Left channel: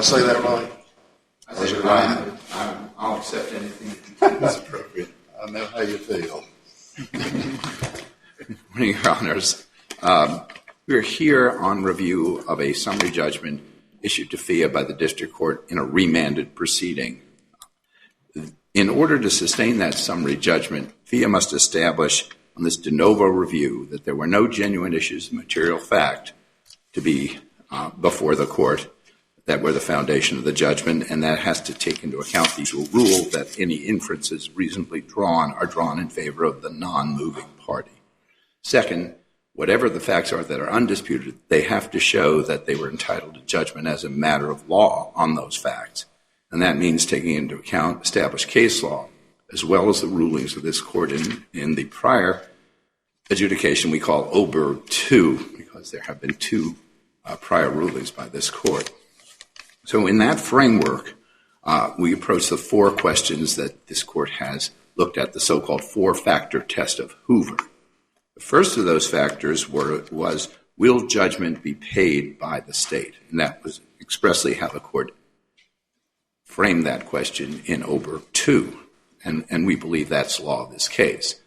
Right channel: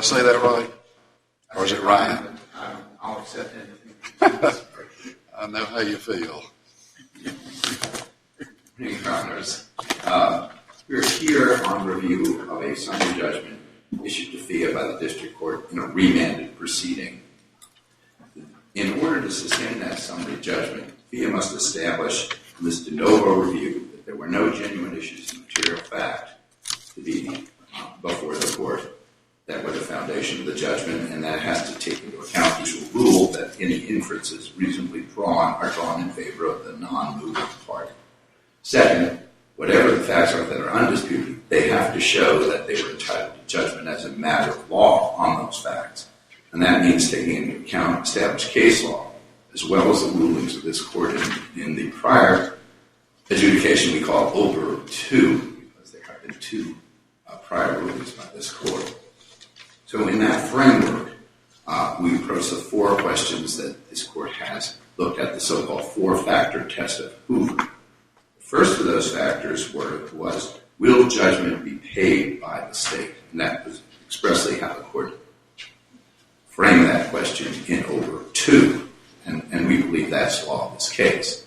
I say that right? Or is it right? I'll accept anything that's appropriate. I know how you feel. Good morning, Your Honors. We're here on review of a summary judgment issued to FIA by the District Court in a remanded proceeding. In order to sustain that summary judgment, FIA must establish on this de novo review that there were no genuine issues of material fact to be before the court that were the foundation of the judgment, and that has to take into account the usual rule that any inferences reasonably drawn are drawn in favor of the non-moving party. Second, whatever the facts are that are undisputed, they have to show that they were entitled to judgment as a matter of law on those facts. And that means taking into account established case law, as well as the rulings of this court in the prior adjudication we call Oberg 2, because there have been two prior rulings by this court. So in that framework, we approach the four questions that this court has looked at, the so-called four-factor test of Hoover. The first of those factors was, will judgment be paid by the state? And that was expressly how the court framed that question in Oberg 2, and we believe that's law of this case.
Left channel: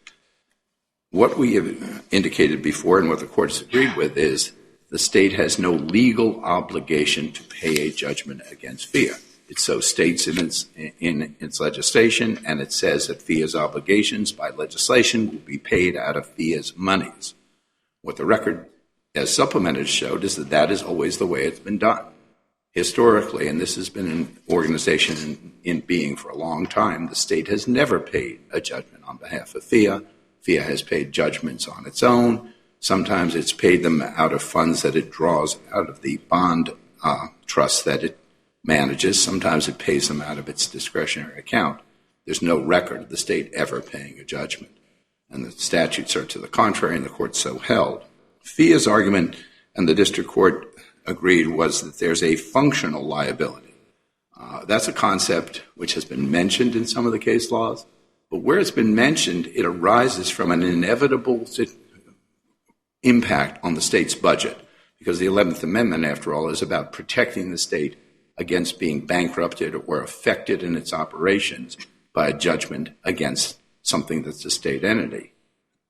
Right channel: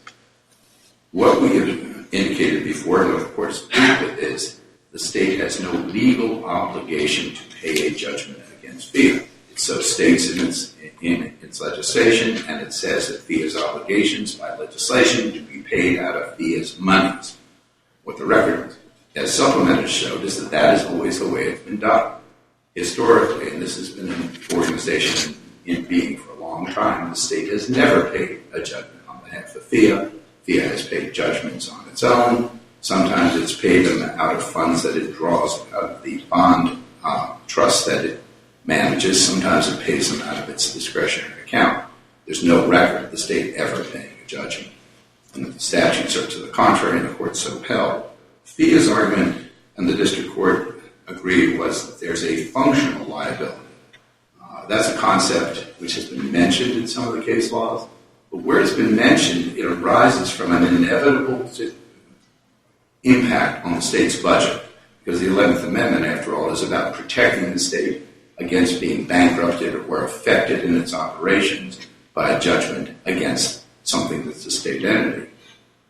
What we have indicated before and what the court has agreed with is the state has no legal obligation to pay a judgment against FIA. It so states in its legislation, and it says that FIA's obligations by legislation would be paid out of FIA's monies. What the record, as supplemented, showed is that that is always the way it's been done. Historically, and this has been an organization in being for a long time, the state has never paid a judgment on behalf of FIA. FIA has paid judgments on its own. Sometimes it's paid them out of funds that it draws out of the bond trust that it manages. Sometimes it pays them out of its discretionary account. There's no record of the state ever paying a judgment. And the statutes are to the contrary, and the court so held. FIA's argument, and the district court agreed, was that there's a functional liability. That's a concept which has been mentioned in some of the case laws, but where it's been mentioned, it arises from an inevitable impact on the state's budget, because the 11th Amendment, after all, is about protecting the state against being bankrupted or affected in its operations by a judgment against something that's a state entity.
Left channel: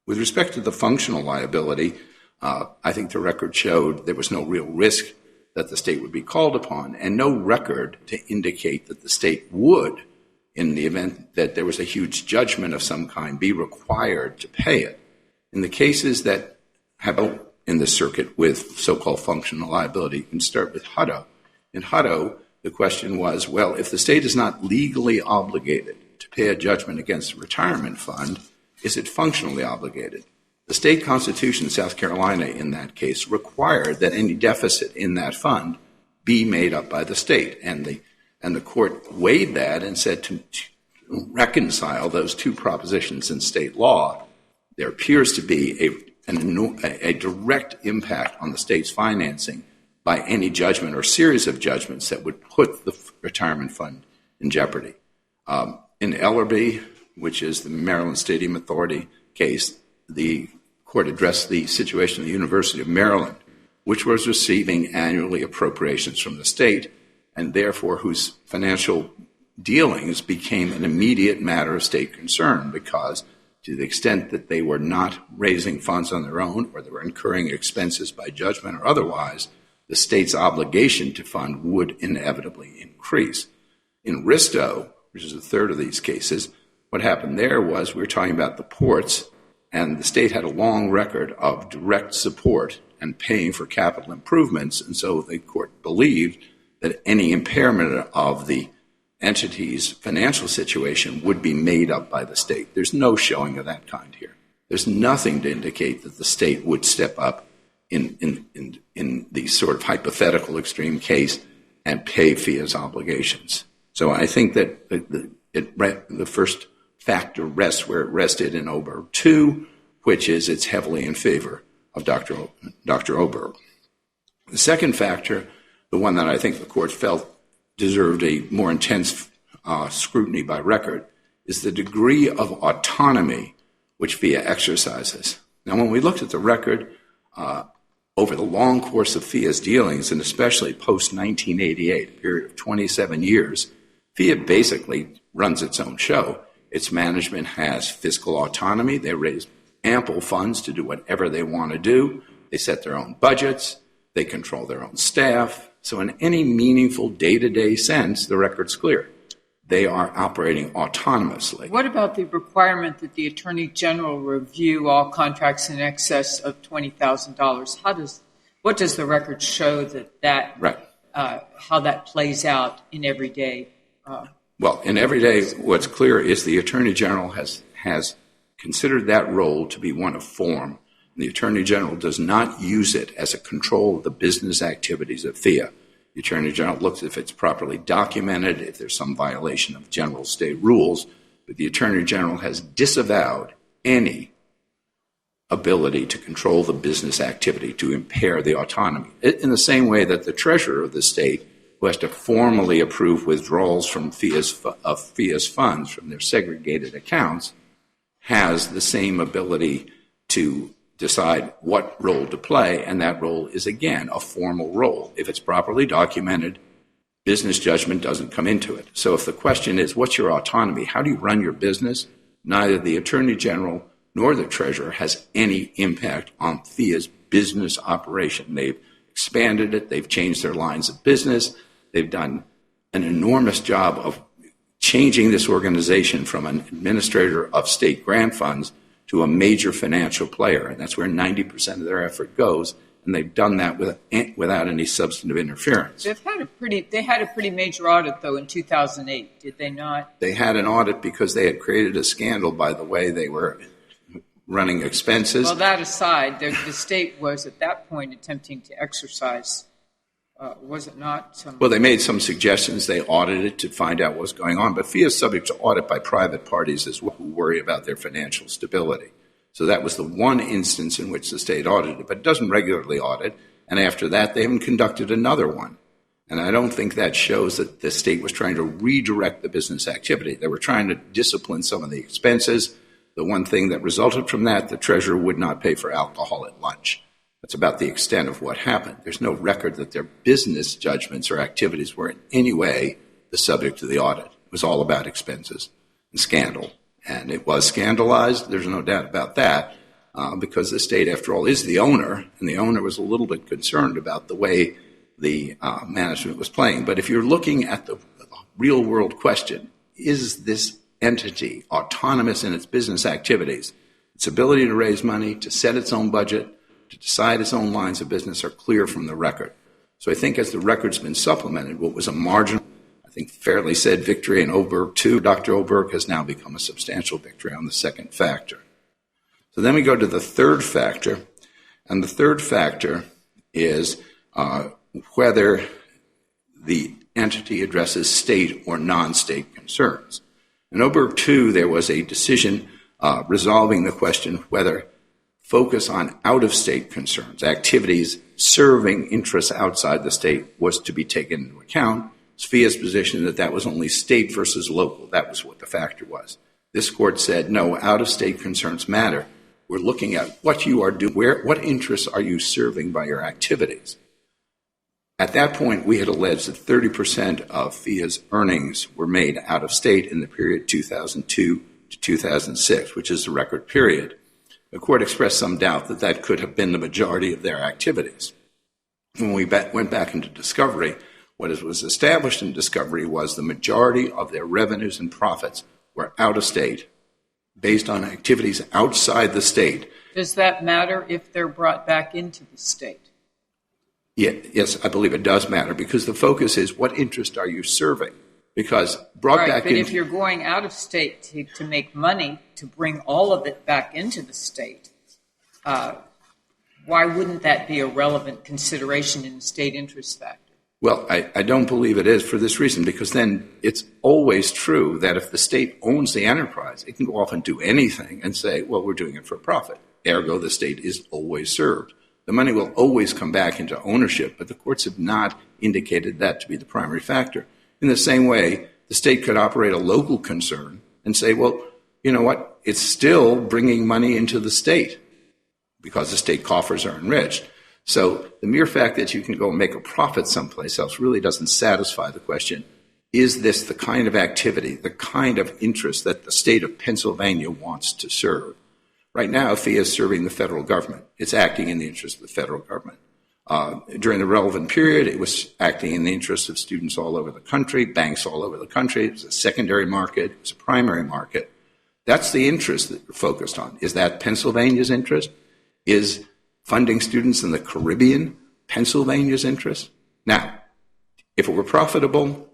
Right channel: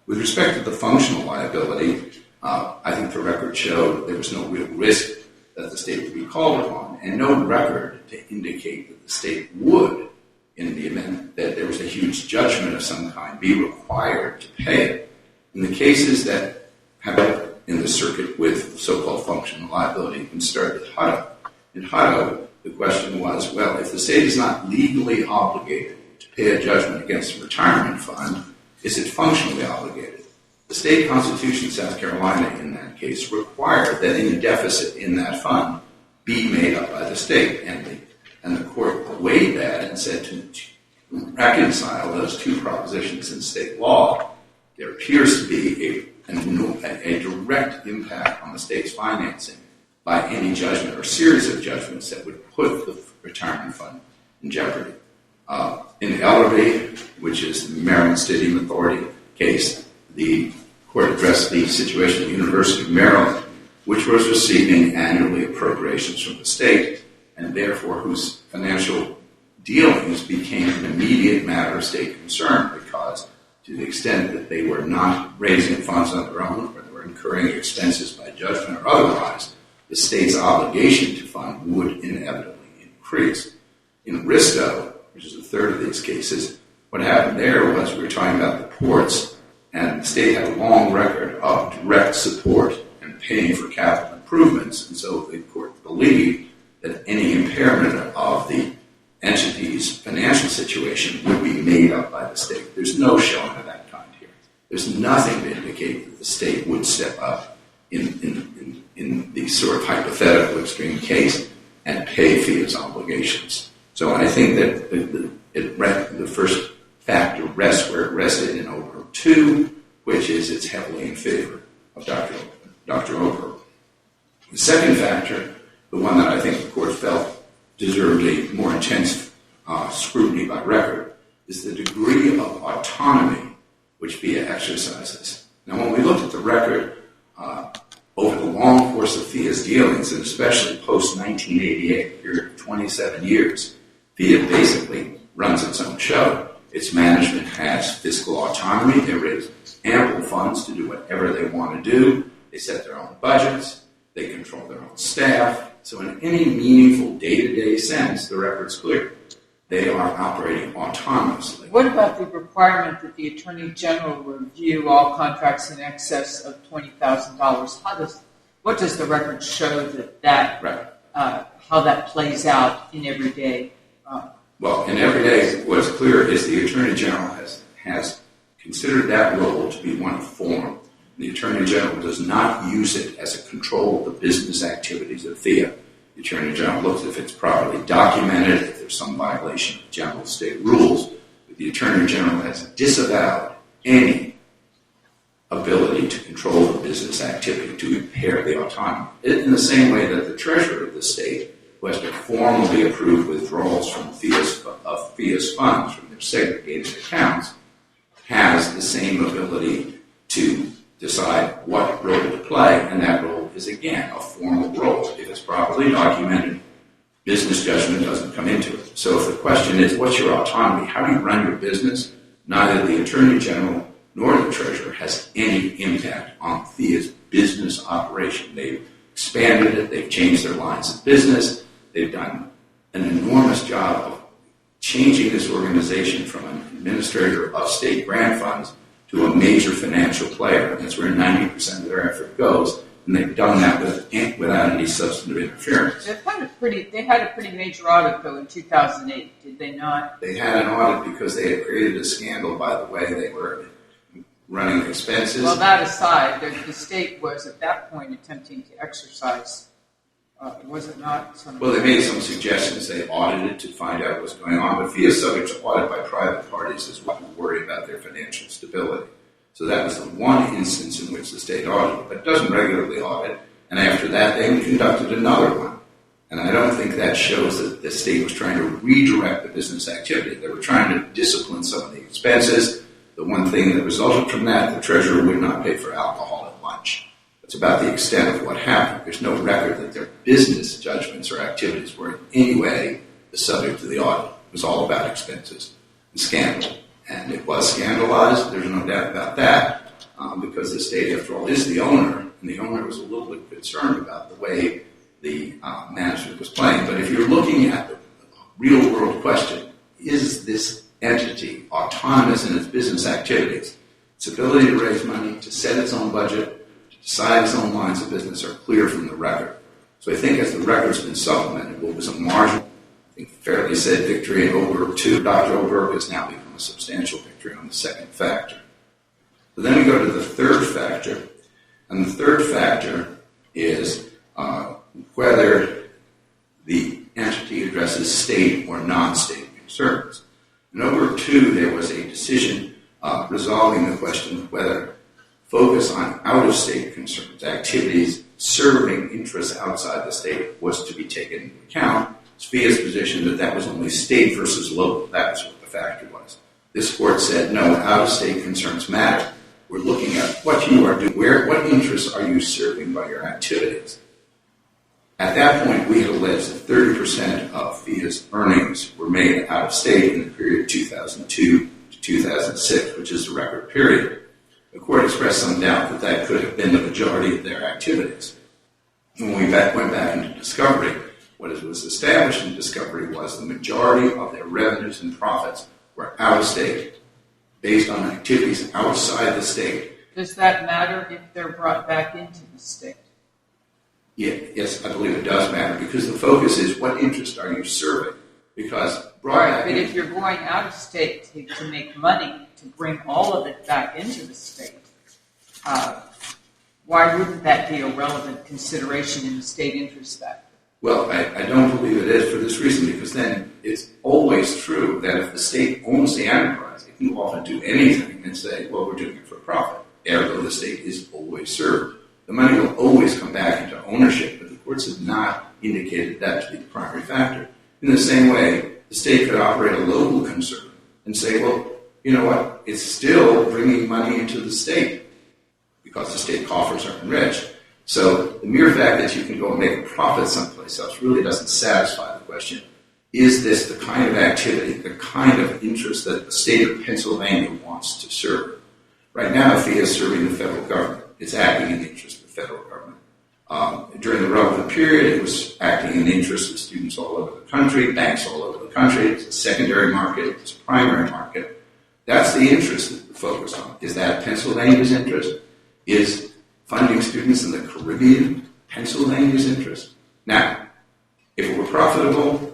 With respect to the functional liability, I think the record showed there was no real risk that the state would be called upon, and no record to indicate that the state would, in the event that there was a huge judgment of some kind, be required to pay it. In the cases that have been in the circuit with so-called functional liability, you can start with Hutto. In Hutto, the question was, well, if the state is not legally obligated to pay a judgment against a retirement fund, is it functionally obligated? The state constitution of South Carolina in that case required that any deficit in that fund be made up by the state. And the court weighed that and said to reconcile those two propositions in state law, there appears to be a direct impact on the state's financing by any judgment or series of judgments that would put the retirement fund in jeopardy. In Ellerby, which is the Maryland Stadium Authority case, the court addressed the situation at the University of Maryland, which was receiving annually appropriations from the state, and therefore whose financial dealings became an immediate matter of state concern, because to the extent that they were not raising funds on their own, or they were incurring expenses by judgment or otherwise, the state's obligation to fund would inevitably increase. In Risto, which is the third of these cases, what happened there was we were talking about the ports, and the state had a long record of direct support and paying for capital improvements, and so the court believed that any impairment of the entity's financial situation would be made up by the state. There's no showing of that kind here. There's nothing to indicate that the state would step up in the sort of hypothetical extreme case and pay FIA's obligations. So I think that the first factor rests where it rested in Oberg 2, which is it's heavily in favor of Dr. Oberg. The second factor, the one that I think the court felt deserved a more intense scrutiny by record, is the degree of autonomy which FIA exercises. Now, when we looked at the record, over the long course of FIA's dealings, and especially post-1988, period of 27 years, FIA basically runs its own show. Its management has fiscal autonomy. They raise ample funds to do whatever they want to do. They set their own budgets. They control their own staff. So in any meaningful day-to-day sense, the record's clear. They are operating autonomously. What about the requirement that the Attorney General review all contracts in excess of $20,000? What does the record show Right. How that plays out in everyday? Well, in everyday, what's clear is the Attorney General has considered that role to be one of form. The Attorney General does not use it as a control of the business activities of FIA. The Attorney General looks if it's properly documented, if there's some violation of general state rules, but the Attorney General has disavowed any ability to control the business activity, to impair the autonomy. In the same way that the Treasurer of the state, who has to formally approve withdrawals from FIA's funds from their segregated accounts, has the same ability to decide what role to play, and that role is, again, a formal role. If it's properly documented, business judgment doesn't come into it. So if the question is, what's your autonomy? How do you run your business? Neither the Attorney General nor the Treasurer has any impact on FIA's business operation. They've expanded it. They've changed their lines of business. They've done an enormous job of changing this organization from an administrator of state grant funds to a major financial player. And that's where 90% of their effort goes. And they've done that without any substantive interference. They had a pretty major audit, though, in 2008, did they not? They had an audit because they had created a scandal by the way they were running expenses. Well, that aside, the state was at that point attempting to exercise, was it not? Well, they made some suggestions. They audited to find out what was going on. But FIA is subject to audit by private parties as well who worry about their financial stability. So that was the one instance in which the state audited, but it doesn't regularly audit. And after that, they haven't conducted another one. And I don't think that shows that the state was trying to redirect the business activity. They were trying to discipline some of the expenses. The one thing that resulted from that, the treasurer would not pay for alcohol at lunch. That's about the extent of what happened. There's no record that their business judgments or activities were in any way the subject of the audit. It was all about expenses and scandal. And it was scandalized. There's no doubt about that, because the state, after all, is the owner, and the owner was a little bit concerned about the way the management was playing. But if you're looking at the real-world question, is this entity autonomous in its business activities? Its ability to raise money, to set its own budget, to decide its own lines of business are clear from the record. So I think as the record's been supplemented, what was a marginal, I think fairly said victory in Oberg 2, Dr. Oberg has now become a substantial victory on the second factor. So then we go to the third factor, and the third factor is whether the entity addresses state or non-state concerns. In Oberg 2, there was a decision resolving the question whether focus on out-of-state concerns, activities serving interests outside the state, was to be taken into account. It's FIA's position that that was only state versus local. That was what the factor was. This court said, no, out-of-state concerns matter. We're looking at what you are doing, what interests are you serving by your activities. At that point, we had alleged that 30% of FIA's earnings were made out of state in the period 2002 to 2006, which is the record period. The court expressed some doubt that that could have been the majority of their activities. When we went back into discovery, what was established in discovery was the majority of their revenues and profits were out of state, based on activities outside the state. Does that matter if they're brought back into the state? Yeah, yes, I believe it does matter, because the focus is what interest are you serving? Because brought back but if you're going out of state to make money, to bring all of it back into the state, why wouldn't that be a relevant consideration in the state interest factor? Well, I don't believe it is for this reason, because then it's always true that if the state owns the enterprise, it can go off and do anything and say, well, we're doing it for profit. Ergo, the state is always served. The money will always come back into ownership, but the courts have not indicated that to be the primary factor. In the same way, the state could operate a local concern and say, well, you know what, it's still bringing money into the state because the state coffers are enriched. So the mere fact that you can go and make a profit someplace else really doesn't satisfy the question, is this the kind of activity, the kind of interest that the state of Pennsylvania wants to serve? Right now, FIA is serving the federal government. It's acting in the interest of the federal government. During the relevant period, it was acting in the interest of students all over the country, banks all over the country. It's a secondary market. It's a primary market. That's the interest that we're focused on. Is that Pennsylvania's interest? Is funding students in the Caribbean Pennsylvania's interest? Now, if it were profitable,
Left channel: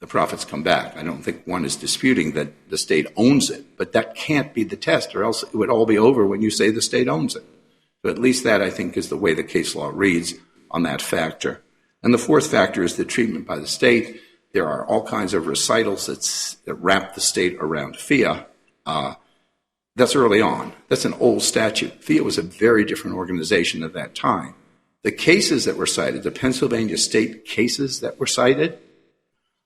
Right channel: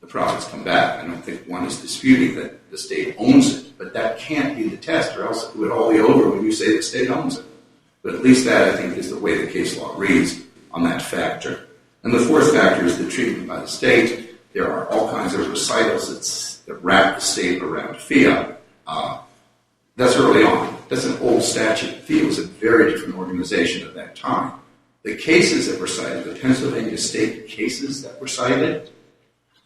the profits come back. I don't think one is disputing that the state owns it, but that can't be the test, or else it would all be over when you say the state owns it. But at least that, I think, is the way the case law reads on that factor. And the fourth factor is the treatment by the state. There are all kinds of recitals that wrap the state around FIA. That's early on. That's an old statute. FIA was a very different organization at that time. The cases that were cited, the Pennsylvania state cases that were cited,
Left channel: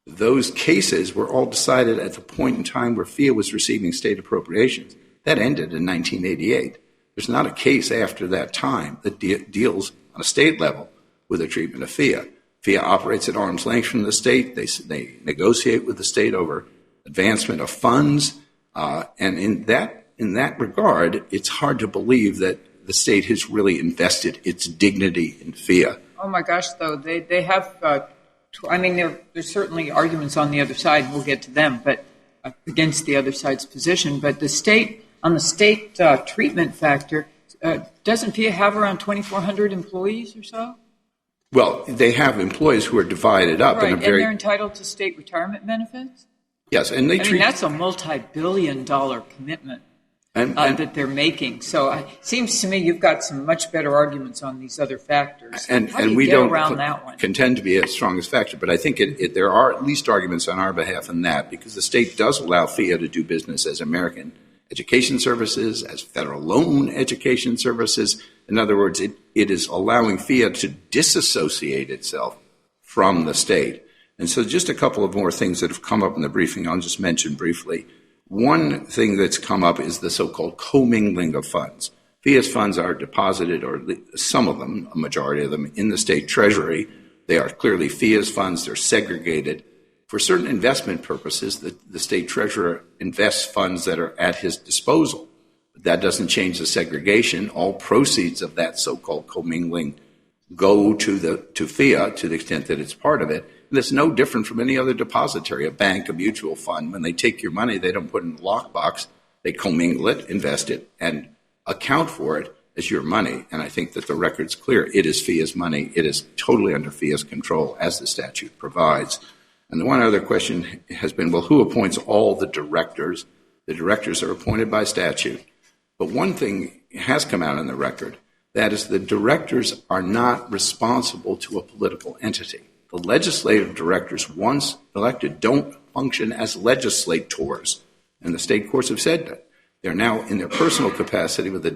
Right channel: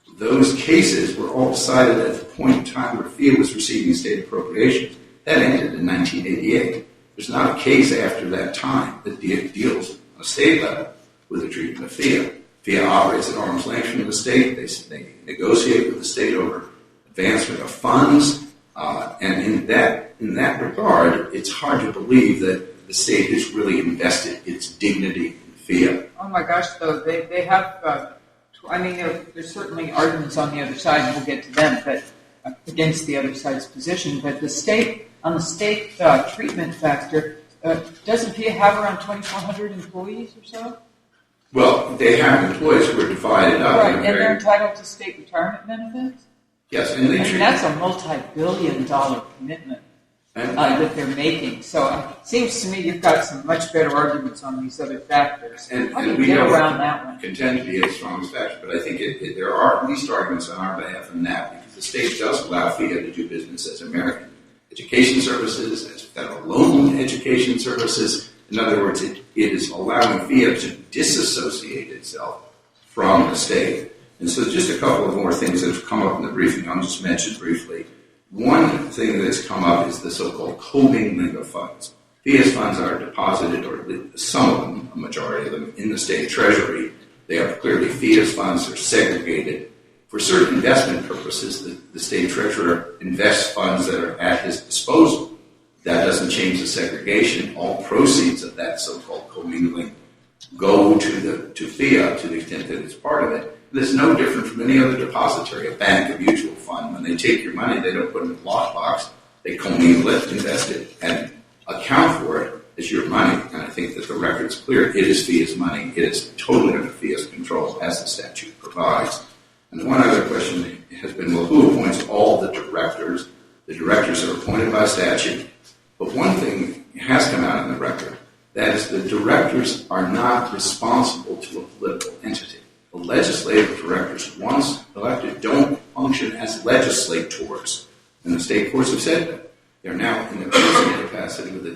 those cases were all decided at the point in time where FIA was receiving state appropriations. That ended in 1988. There's not a case after that time that deals on a state level with the treatment of FIA. FIA operates at arm's length from the state. They negotiate with the state over advancement of funds. And in that regard, it's hard to believe that the state has really invested its dignity in FIA. Oh my gosh, though, they have, there's certainly arguments on the other side, we'll get to them, but against the other side's position. But the state, on the state treatment factor, doesn't FIA have around 2,400 employees or so? Well, they have employees who are divided up. Right, and they're entitled to state retirement benefits? Yes, and that's a multi-billion-dollar commitment that they're making. So it seems to me you've got some much better arguments on these other factors. And how do you we get don't around that one? Contend to be as strong as factor, but I think there are at least arguments on our behalf in that, because the state does allow FIA to do business as American education services, as federal loan education services. In other words, it is allowing FIA to disassociate itself from the state. And so just a couple of more things that have come up in the briefing I'll just mention briefly. One thing that's come up is the so-called commingling of funds. FIA's funds are deposited, or some of them, a majority of them, in the state treasury. They are clearly FIA's funds. They're segregated. For certain investment purposes, the state treasurer invests funds that are at his disposal. That doesn't change the segregation. All proceeds of that so-called commingling go to FIA to the extent that it's part of it. And it's no different from any other depository, a bank, a mutual fund. When they take your money, they don't put it in a lockbox. They commingle it, invest it, and account for it as your money. And I think that the record's clear. It is FIA's money. It is totally under FIA's control, as the statute provides. And the one other question has been, well, who appoints all the directors? The directors are appointed by statute. But one thing has come out in the record, that is the directors are not responsible to a political entity. The legislative directors, once elected, don't function as legislators. And the state courts have said that. They're now in their personal capacity with a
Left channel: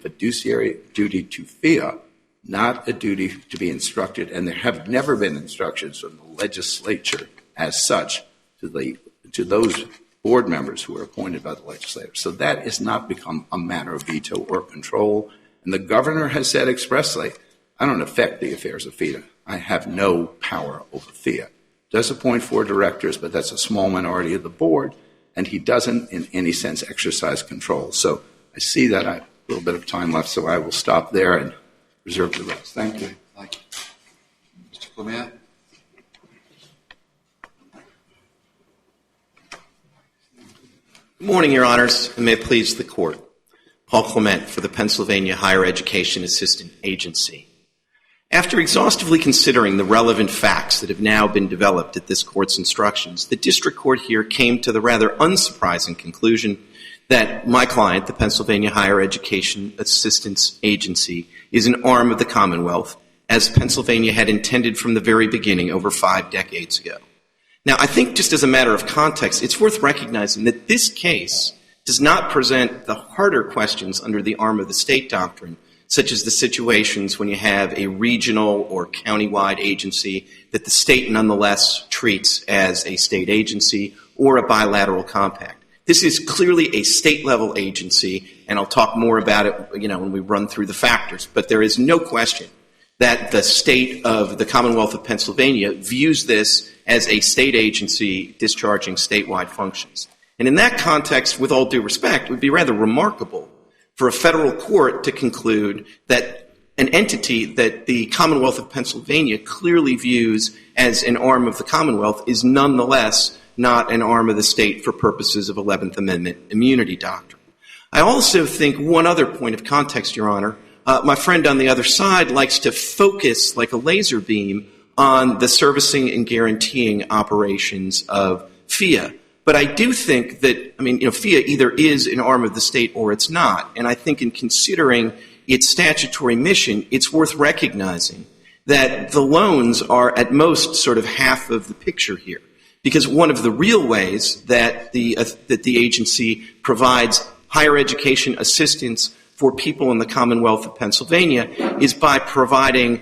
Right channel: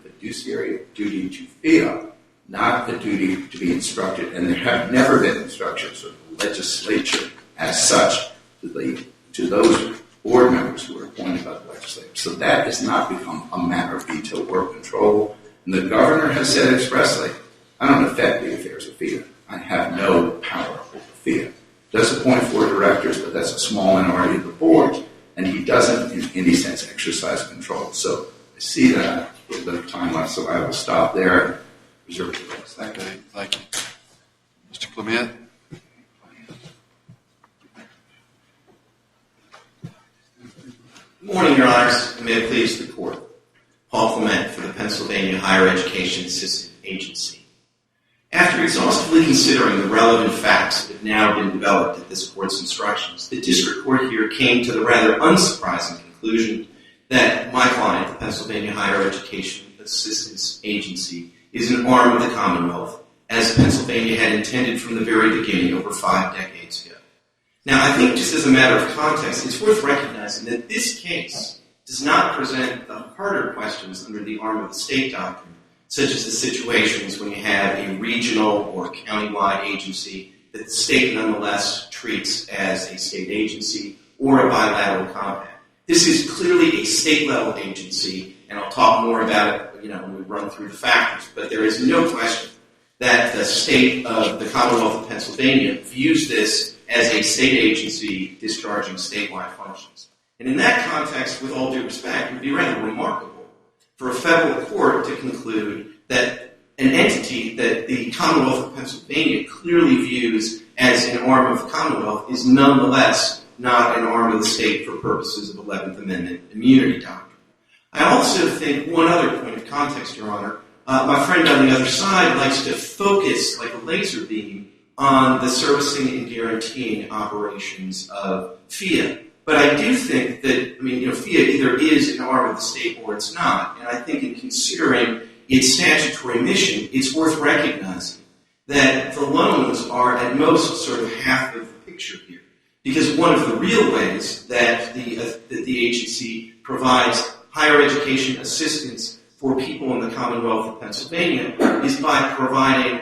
fiduciary duty to FIA, not a duty to be instructed. And there have never been instructions from the legislature as such to those board members who are appointed by the legislature. So that has not become a matter of veto or control. And the governor has said expressly, I don't affect the affairs of FIA. I have no power over FIA. Does appoint 4 directors, but that's a small minority of the board, and he doesn't in any sense exercise control. So I see that I have a little bit of time left, so I will stop there and reserve the rest. Thank you. Okay, thank you. Mr. Clement? Good morning, Your Honors, and may it please the Court. Paul Clement for the Pennsylvania Higher Education Assistance Agency. After exhaustively considering the relevant facts that have now been developed at this Court's instructions, the District Court here came to the rather unsurprising conclusion that my client, the Pennsylvania Higher Education Assistance Agency, is an arm of the Commonwealth, as Pennsylvania had intended from the very beginning over 5 decades ago. Now, I think just as a matter of context, it's worth recognizing that this case does not present the harder questions under the arm of the state doctrine, such as the situations when you have a regional or countywide agency that the state nonetheless treats as a state agency or a bilateral compact. This is clearly a state-level agency, and I'll talk more about it, when we run through the factors. But there is no question that the state of the Commonwealth of Pennsylvania views this as a state agency discharging statewide functions. And in that context, with all due respect, it would be rather remarkable for a federal court to conclude that an entity that the Commonwealth of Pennsylvania clearly views as an arm of the Commonwealth is nonetheless not an arm of the state for purposes of 11th Amendment immunity doctrine. I also think one other point of context, Your Honor, my friend on the other side likes to focus like a laser beam on the servicing and guaranteeing operations of FIA. But I do think that, FIA either is an arm of the state or it's not. And I think in considering its statutory mission, it's worth recognizing that the loans are at most sort of half of the picture here. Because one of the real ways that the agency provides higher education assistance for people in the Commonwealth of Pennsylvania is by providing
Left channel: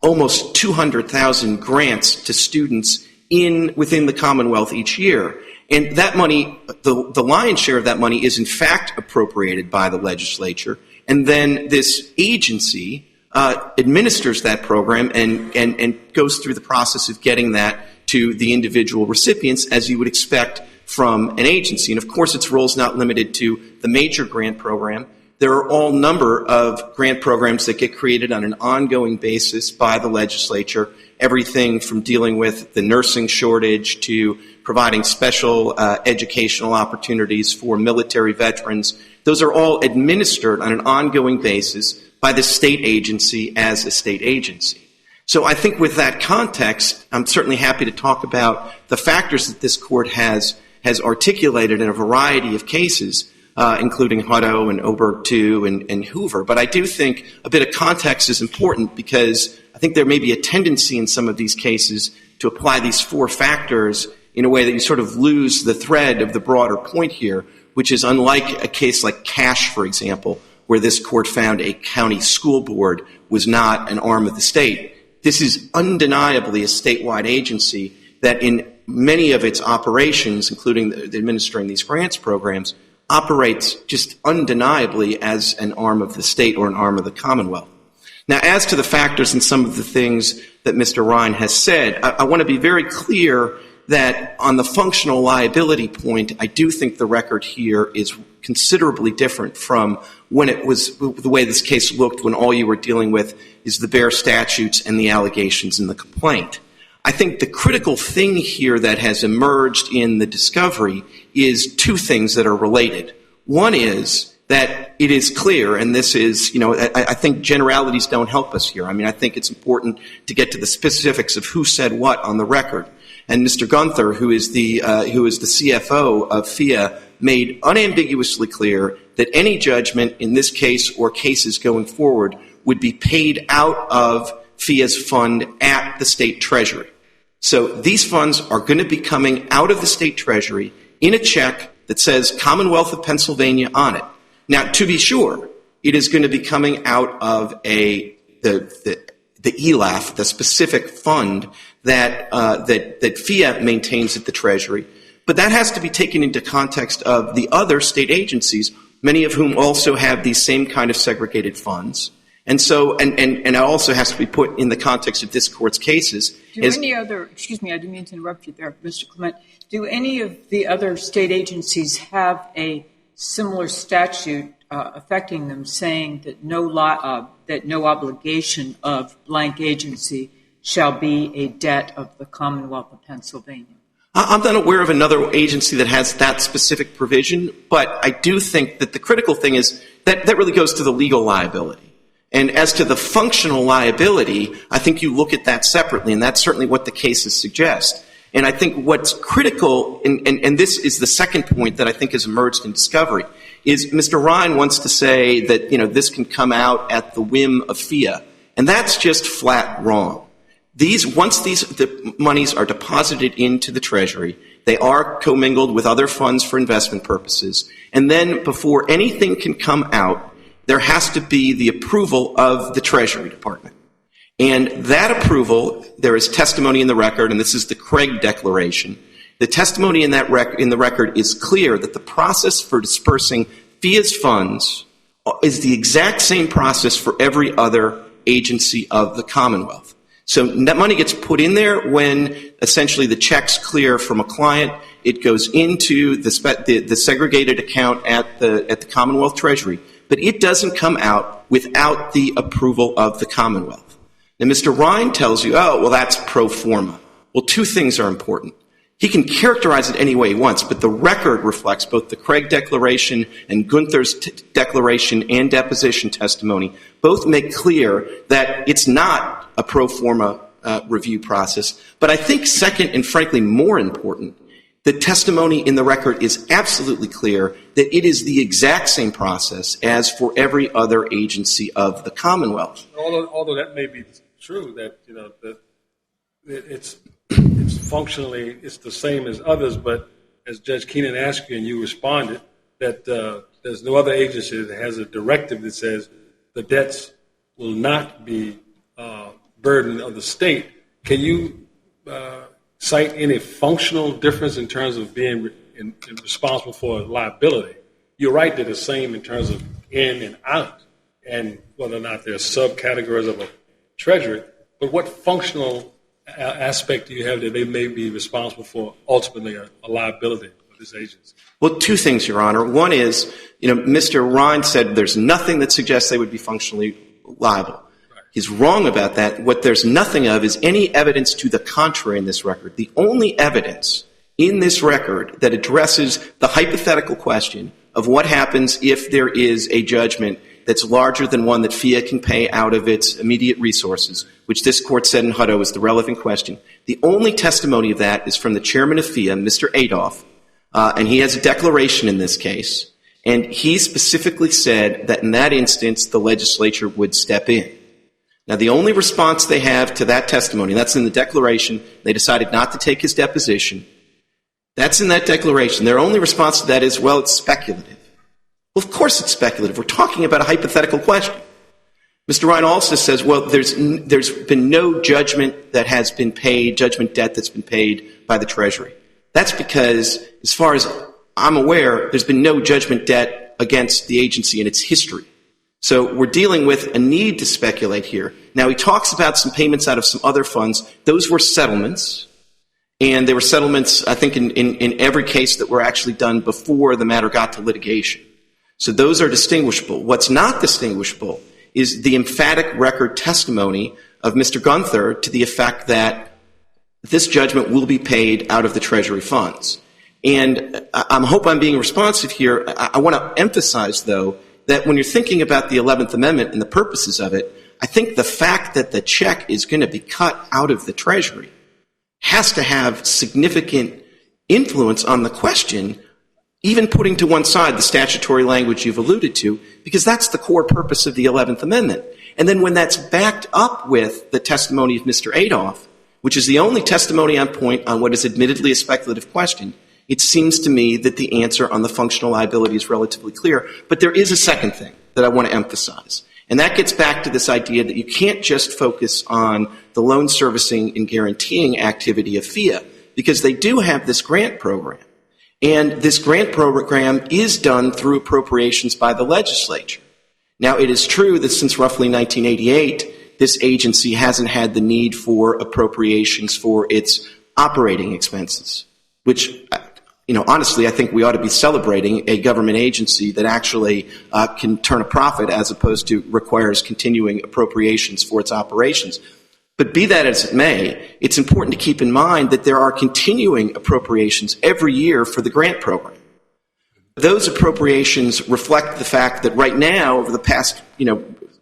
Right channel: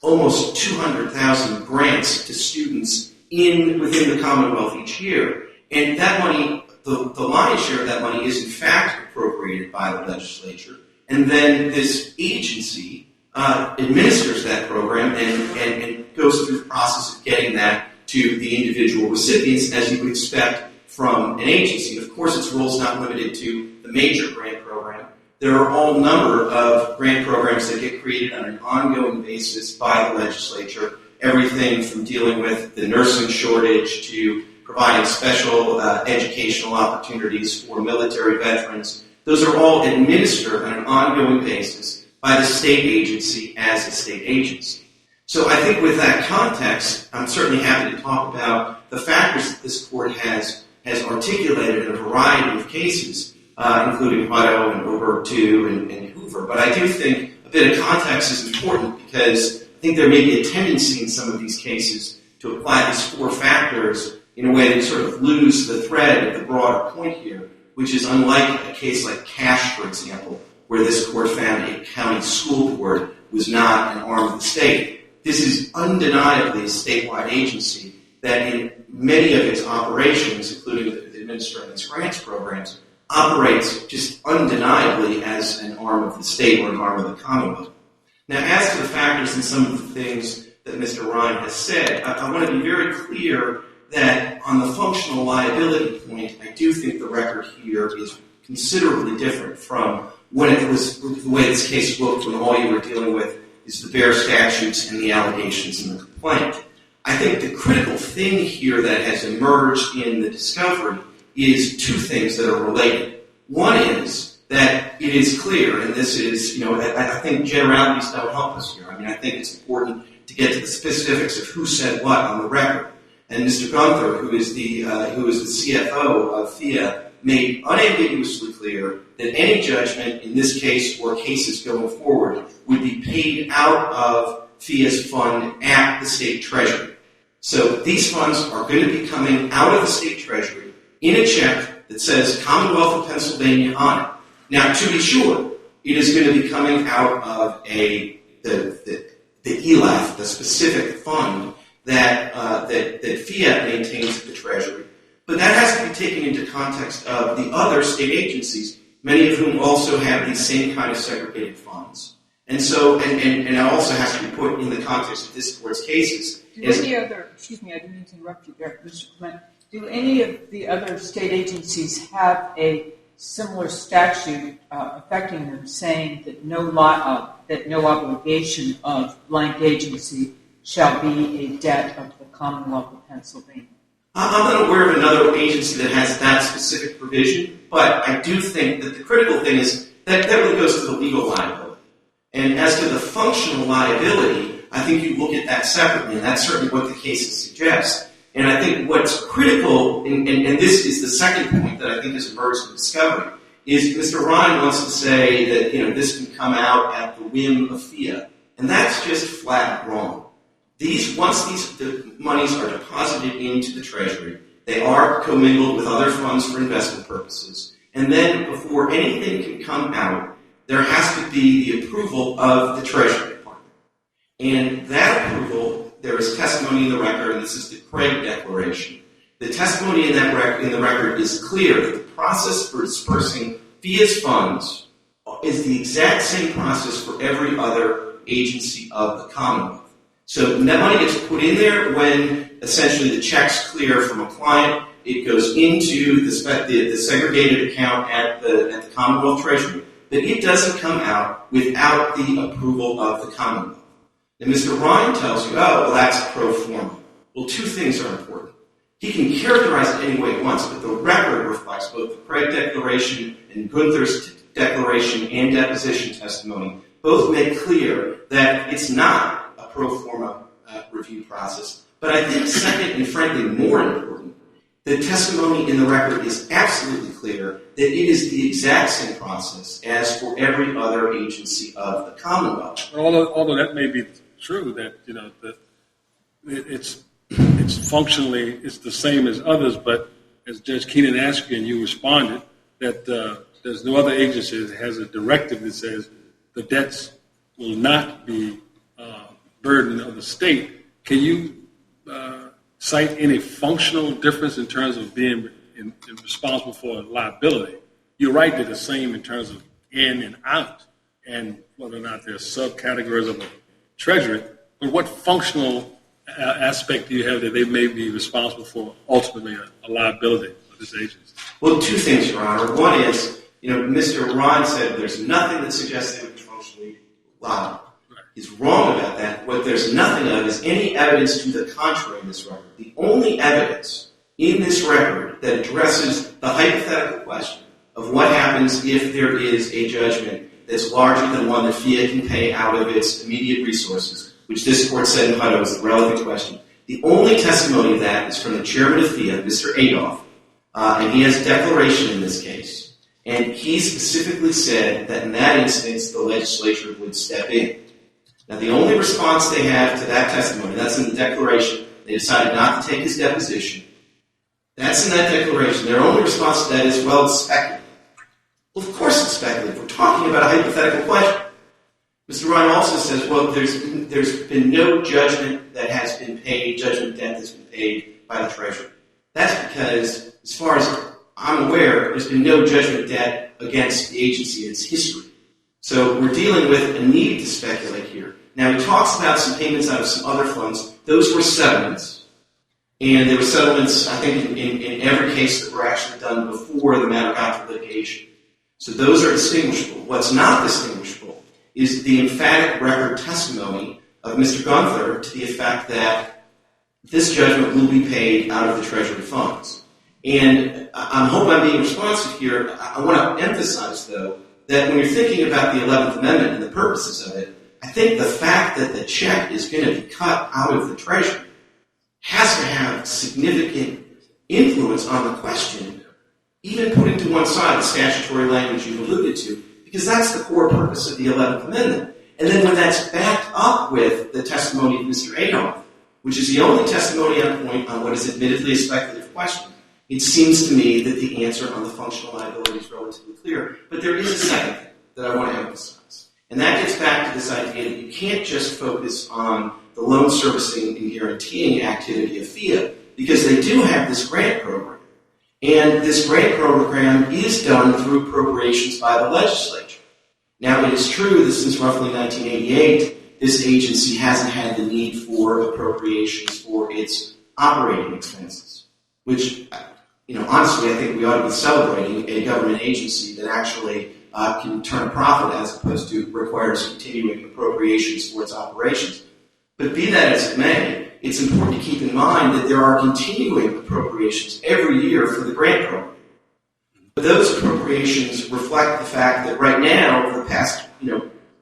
almost 200,000 grants to students within the Commonwealth each year. And that money, the lion's share of that money is in fact appropriated by the legislature. And then this agency administers that program and goes through the process of getting that to the individual recipients as you would expect from an agency. And of course, its role is not limited to the major grant program. There are all number of grant programs that get created on an ongoing basis by the legislature, everything from dealing with the nursing shortage to providing special educational opportunities for military veterans. Those are all administered on an ongoing basis by the state agency as a state agency. So I think with that context, I'm certainly happy to talk about the factors that this court has articulated in a variety of cases, including Hutto and Oberg II and Hoover. But I do think a bit of context is important because I think there may be a tendency in some of these cases to apply these four factors in a way that you sort of lose the thread of the broader point here, which is unlike a case like Cash, for example, where this court found a county school board was not an arm of the state. This is undeniably a statewide agency that in many of its operations, including administering these grants programs, operates just undeniably as an arm of the state or an arm of the Commonwealth. Now, as to the factors and some of the things that Mr. Ryan has said, I want to be very clear that on the functional liability point, I do think the record here is considerably different from when it was the way this case looked when all you were dealing with is the bare statutes and the allegations in the complaint. I think the critical thing here that has emerged in the discovery is two things that are related. One is that it is clear, and this is, I think generalities don't help us here. I think it's important to get to the specifics of who said what on the record. And Mr. Gunther, who is the CFO of FIA, made unambiguously clear that any judgment in this case or cases going forward would be paid out of FIA's fund at the state treasury. So these funds are going to be coming out of the state treasury in a check that says Commonwealth of Pennsylvania on it. Now, to be sure, it is going to be coming out of the ELAF, the specific fund that FIA maintains at the treasury. But that has to be taken into context of the other state agencies, many of whom also have these same kind of segregated funds. And so, and it also has to be put in the context of this court's cases. Excuse me, I didn't mean to interrupt you there, Mr. Clement. Do any of the other state agencies have a similar statute affecting them, saying that no obligation of blank agency shall be a debt of the Commonwealth of Pennsylvania? I'm not aware of another agency that has that specific provision, but I do think that the critical thing is that really goes to the legal liability. And as to the functional liability, I think you look at that separately, and that's certainly what the cases suggest. And I think what's critical, and this is the second point that I think has emerged in discovery, is Mr. Ryan wants to say that this can come out at the whim of FIA, and that's just flat wrong. Once the monies are deposited into the Treasury, they are commingled with other funds for investment purposes, and then before anything can come out, there has to be the approval of the Treasury Department. And that approval, there is testimony in the record, and this is the Craig Declaration. The testimony in the record is clear that the process for dispersing FIA's funds is the exact same process for every other agency of the Commonwealth. So that money gets put in there when essentially the check's clear from a client. It goes into the segregated account at the Commonwealth Treasury, but it doesn't come out without the approval of the Commonwealth. Now, Mr. Ryan tells you, oh, well, that's pro forma. Well, two things are important. He can characterize it any way he wants, but the record reflects both the Craig Declaration and Gunther's declaration and deposition testimony both make clear that it's not a pro forma review process. But I think second and frankly more important, the testimony in the record is absolutely clear that it is the exact same process as for every other agency of the Commonwealth. Although that may be true, that that it's functionally it's the same as others, but as Judge Keenan asked you and you responded, that there's no other agency that has a directive that says the debts will not be burden of the state. Can you cite any functional difference in terms of being responsible for liability? You're right that it's the same in terms of in and out and whether or not there are subcategories of a treasury, but what functional aspect do you have that they may be responsible for ultimately a liability of this agency? Well, two things, Your Honor. One is, Mr. Ryan said there's nothing that suggests they would be functionally liable. Right. He's wrong about that. What there's nothing of is any evidence to the contrary in this record. The only evidence in this record that addresses the hypothetical question of what happens if there is a judgment that's larger than one that FIA can pay out of its immediate resources, which this court said in Hutto is the relevant question. The only testimony of that is from the chairman of FIA, Mr. Adolph, and he has a declaration in this case, and he specifically said that in that instance the legislature would step in. Now, the only response they have to that testimony, that's in the declaration, they decided not to take his deposition. That's in that declaration. Their only response to that is, well, it's speculative. Well, of course it's speculative. We're talking about a hypothetical question. Mr. Ryan also says, well, there's been no judgment that has been paid, judgment debt that's been paid by the Treasury. That's because, as far as I'm aware, there's been no judgment debt against the agency in its history. So we're dealing with a need to speculate here. Now, he talks about some payments out of some other funds. Those were settlements. And there were settlements, I think, in every case that were actually done before the matter got to litigation. So those are distinguishable. What's not distinguishable is the emphatic record testimony of Mr. Gunther to the effect that this judgment will be paid out of the Treasury funds. And I hope I'm being responsive here. I want to emphasize, though, that when you're thinking about the 11th Amendment and the purposes of it, I think the fact that the check is going to be cut out of the Treasury has to have significant influence on the question, even putting to one side the statutory language you've alluded to, because that's the core purpose of the 11th Amendment. And then when that's backed up with the testimony of Mr. Adolph, which is the only testimony on point on what is admittedly a speculative question, it seems to me that the answer on the functional liability is relatively clear. But there is a second thing that I want to emphasize, and that gets back to this idea that you can't just focus on the loan servicing and guaranteeing activity of FIA, because they do have this grant program. And this grant program is done through appropriations by the legislature. Now, it is true that since roughly 1988, this agency hasn't had the need for appropriations for its operating expenses, which, honestly, I think we ought to be celebrating a government agency that actually can turn a profit as opposed to requires continuing appropriations for its operations. But be that as it may, it's important to keep in mind that there are continuing appropriations every year for the grant program. Those appropriations reflect the fact that right now, over the past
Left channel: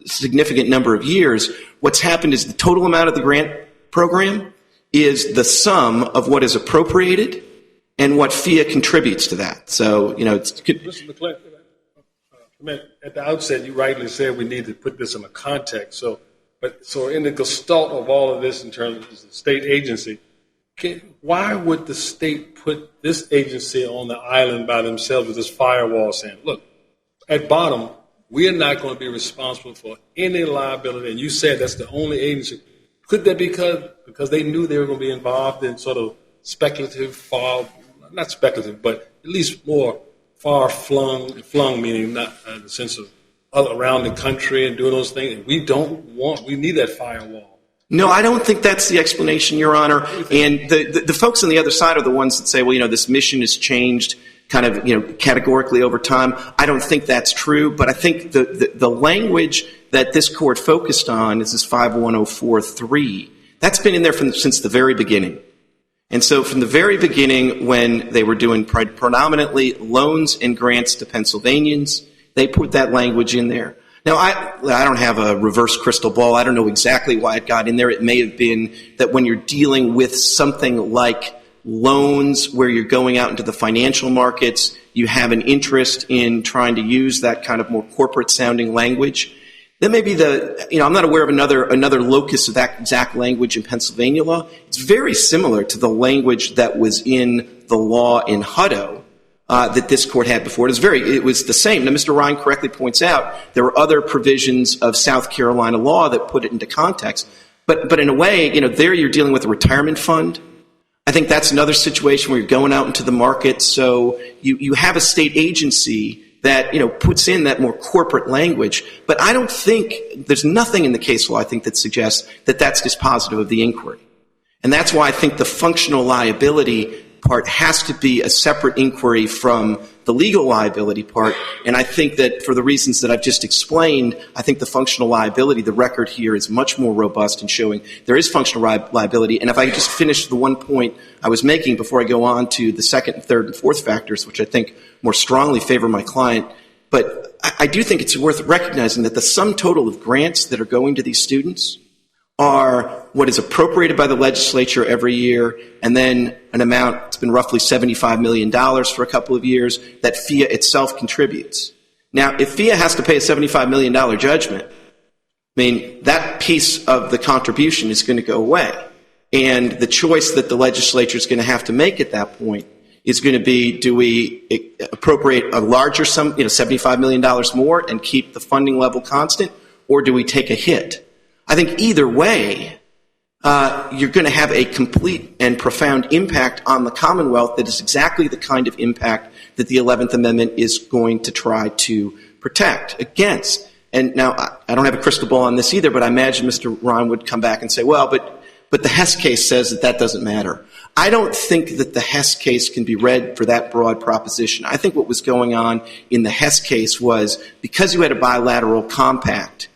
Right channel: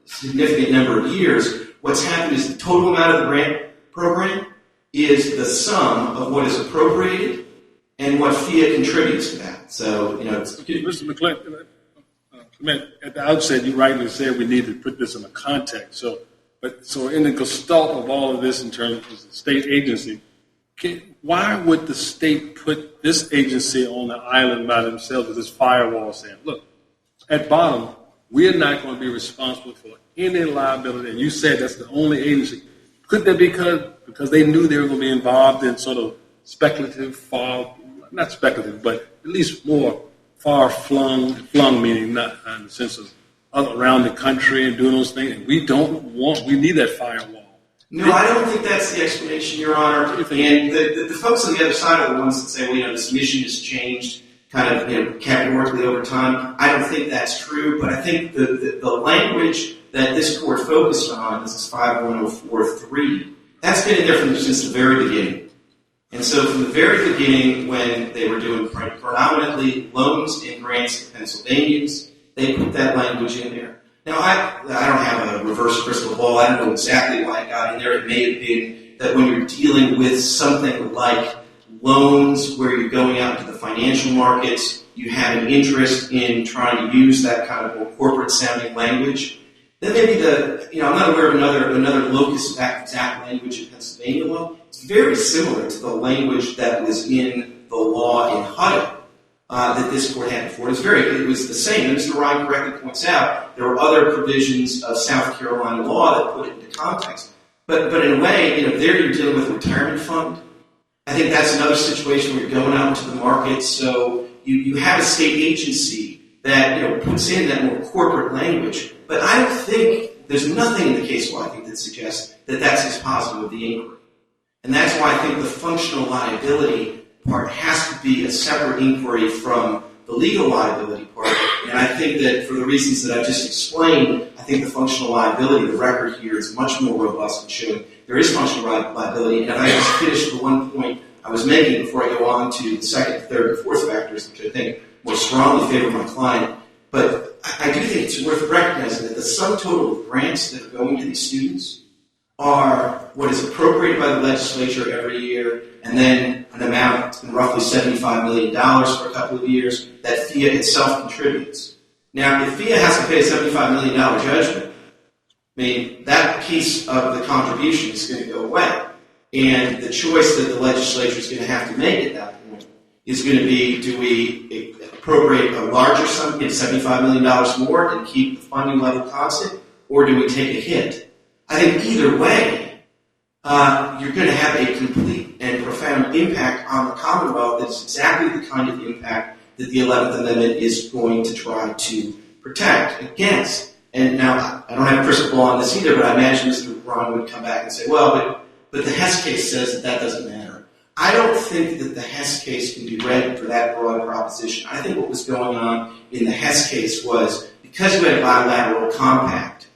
significant number of years, what's happened is the total amount of the grant program is the sum of what is appropriated and what FIA contributes to that. So, Mr. McClellan, at the outset, you rightly said we need to put this in a context. So in the gestalt of all of this in terms of the state agency, why would the state put this agency on the island by themselves with this firewall saying, look, at bottom, we're not going to be responsible for any liability? And you said that's the only agency. Could that be because they knew they were going to be involved in sort of speculative, not speculative, but at least more far-flung, meaning not in the sense of around the country and doing those things. We need that firewall. No, I don't think that's the explanation, Your Honor. And the folks on the other side are the ones that say, well, this mission has changed kind of, categorically over time. I don't think that's true, but I think the language that this court focused on is this 51043. That's been in there since the very beginning. And so from the very beginning, when they were doing predominantly loans and grants to Pennsylvanians, they put that language in there. Now, I don't have a reverse crystal ball. I don't know exactly why it got in there. It may have been that when you're dealing with something like loans where you're going out into the financial markets, you have an interest in trying to use that kind of more corporate-sounding language. Then maybe I'm not aware of another locus of that exact language in Pennsylvania law. It's very similar to the language that was in the law in Hutto that this court had before. It was the same. Now, Mr. Ryan correctly points out there were other provisions of South Carolina law that put it into context. But in a way, there you're dealing with a retirement fund. I think that's another situation where you're going out into the market. So you have a state agency that puts in that more corporate language. But I don't think there's nothing in the case law, I think, that suggests that that's dispositive of the inquiry. And that's why I think the functional liability part has to be a separate inquiry from the legal liability part. And I think that for the reasons that I've just explained, I think the functional liability, the record here is much more robust in showing there is functional liability. And if I just finish the one point I was making before I go on to the second, third, and fourth factors, which I think more strongly favor my client, but I do think it's worth recognizing that the sum total of grants that are going to these students are what is appropriated by the legislature every year, and then an amount, it's been roughly $75 million for a couple of years, that FIA itself contributes. Now, if FIA has to pay a $75 million judgment, that piece of the contribution is going to go away. And the choice that the legislature is going to have to make at that point is going to be, do we appropriate a larger sum, $75 million more and keep the funding level constant, or do we take a hit? I think either way, you're going to have a complete and profound impact on the Commonwealth that is exactly the kind of impact that the 11th Amendment is going to try to protect against. And now, I don't have a crystal ball on this either, but I imagine Mr. Ron would come back and say, well, but the Hess case says that doesn't matter. I don't think that the Hess case can be read for that broad proposition. I think what was going on in the Hess case was, because you had a bilateral compact,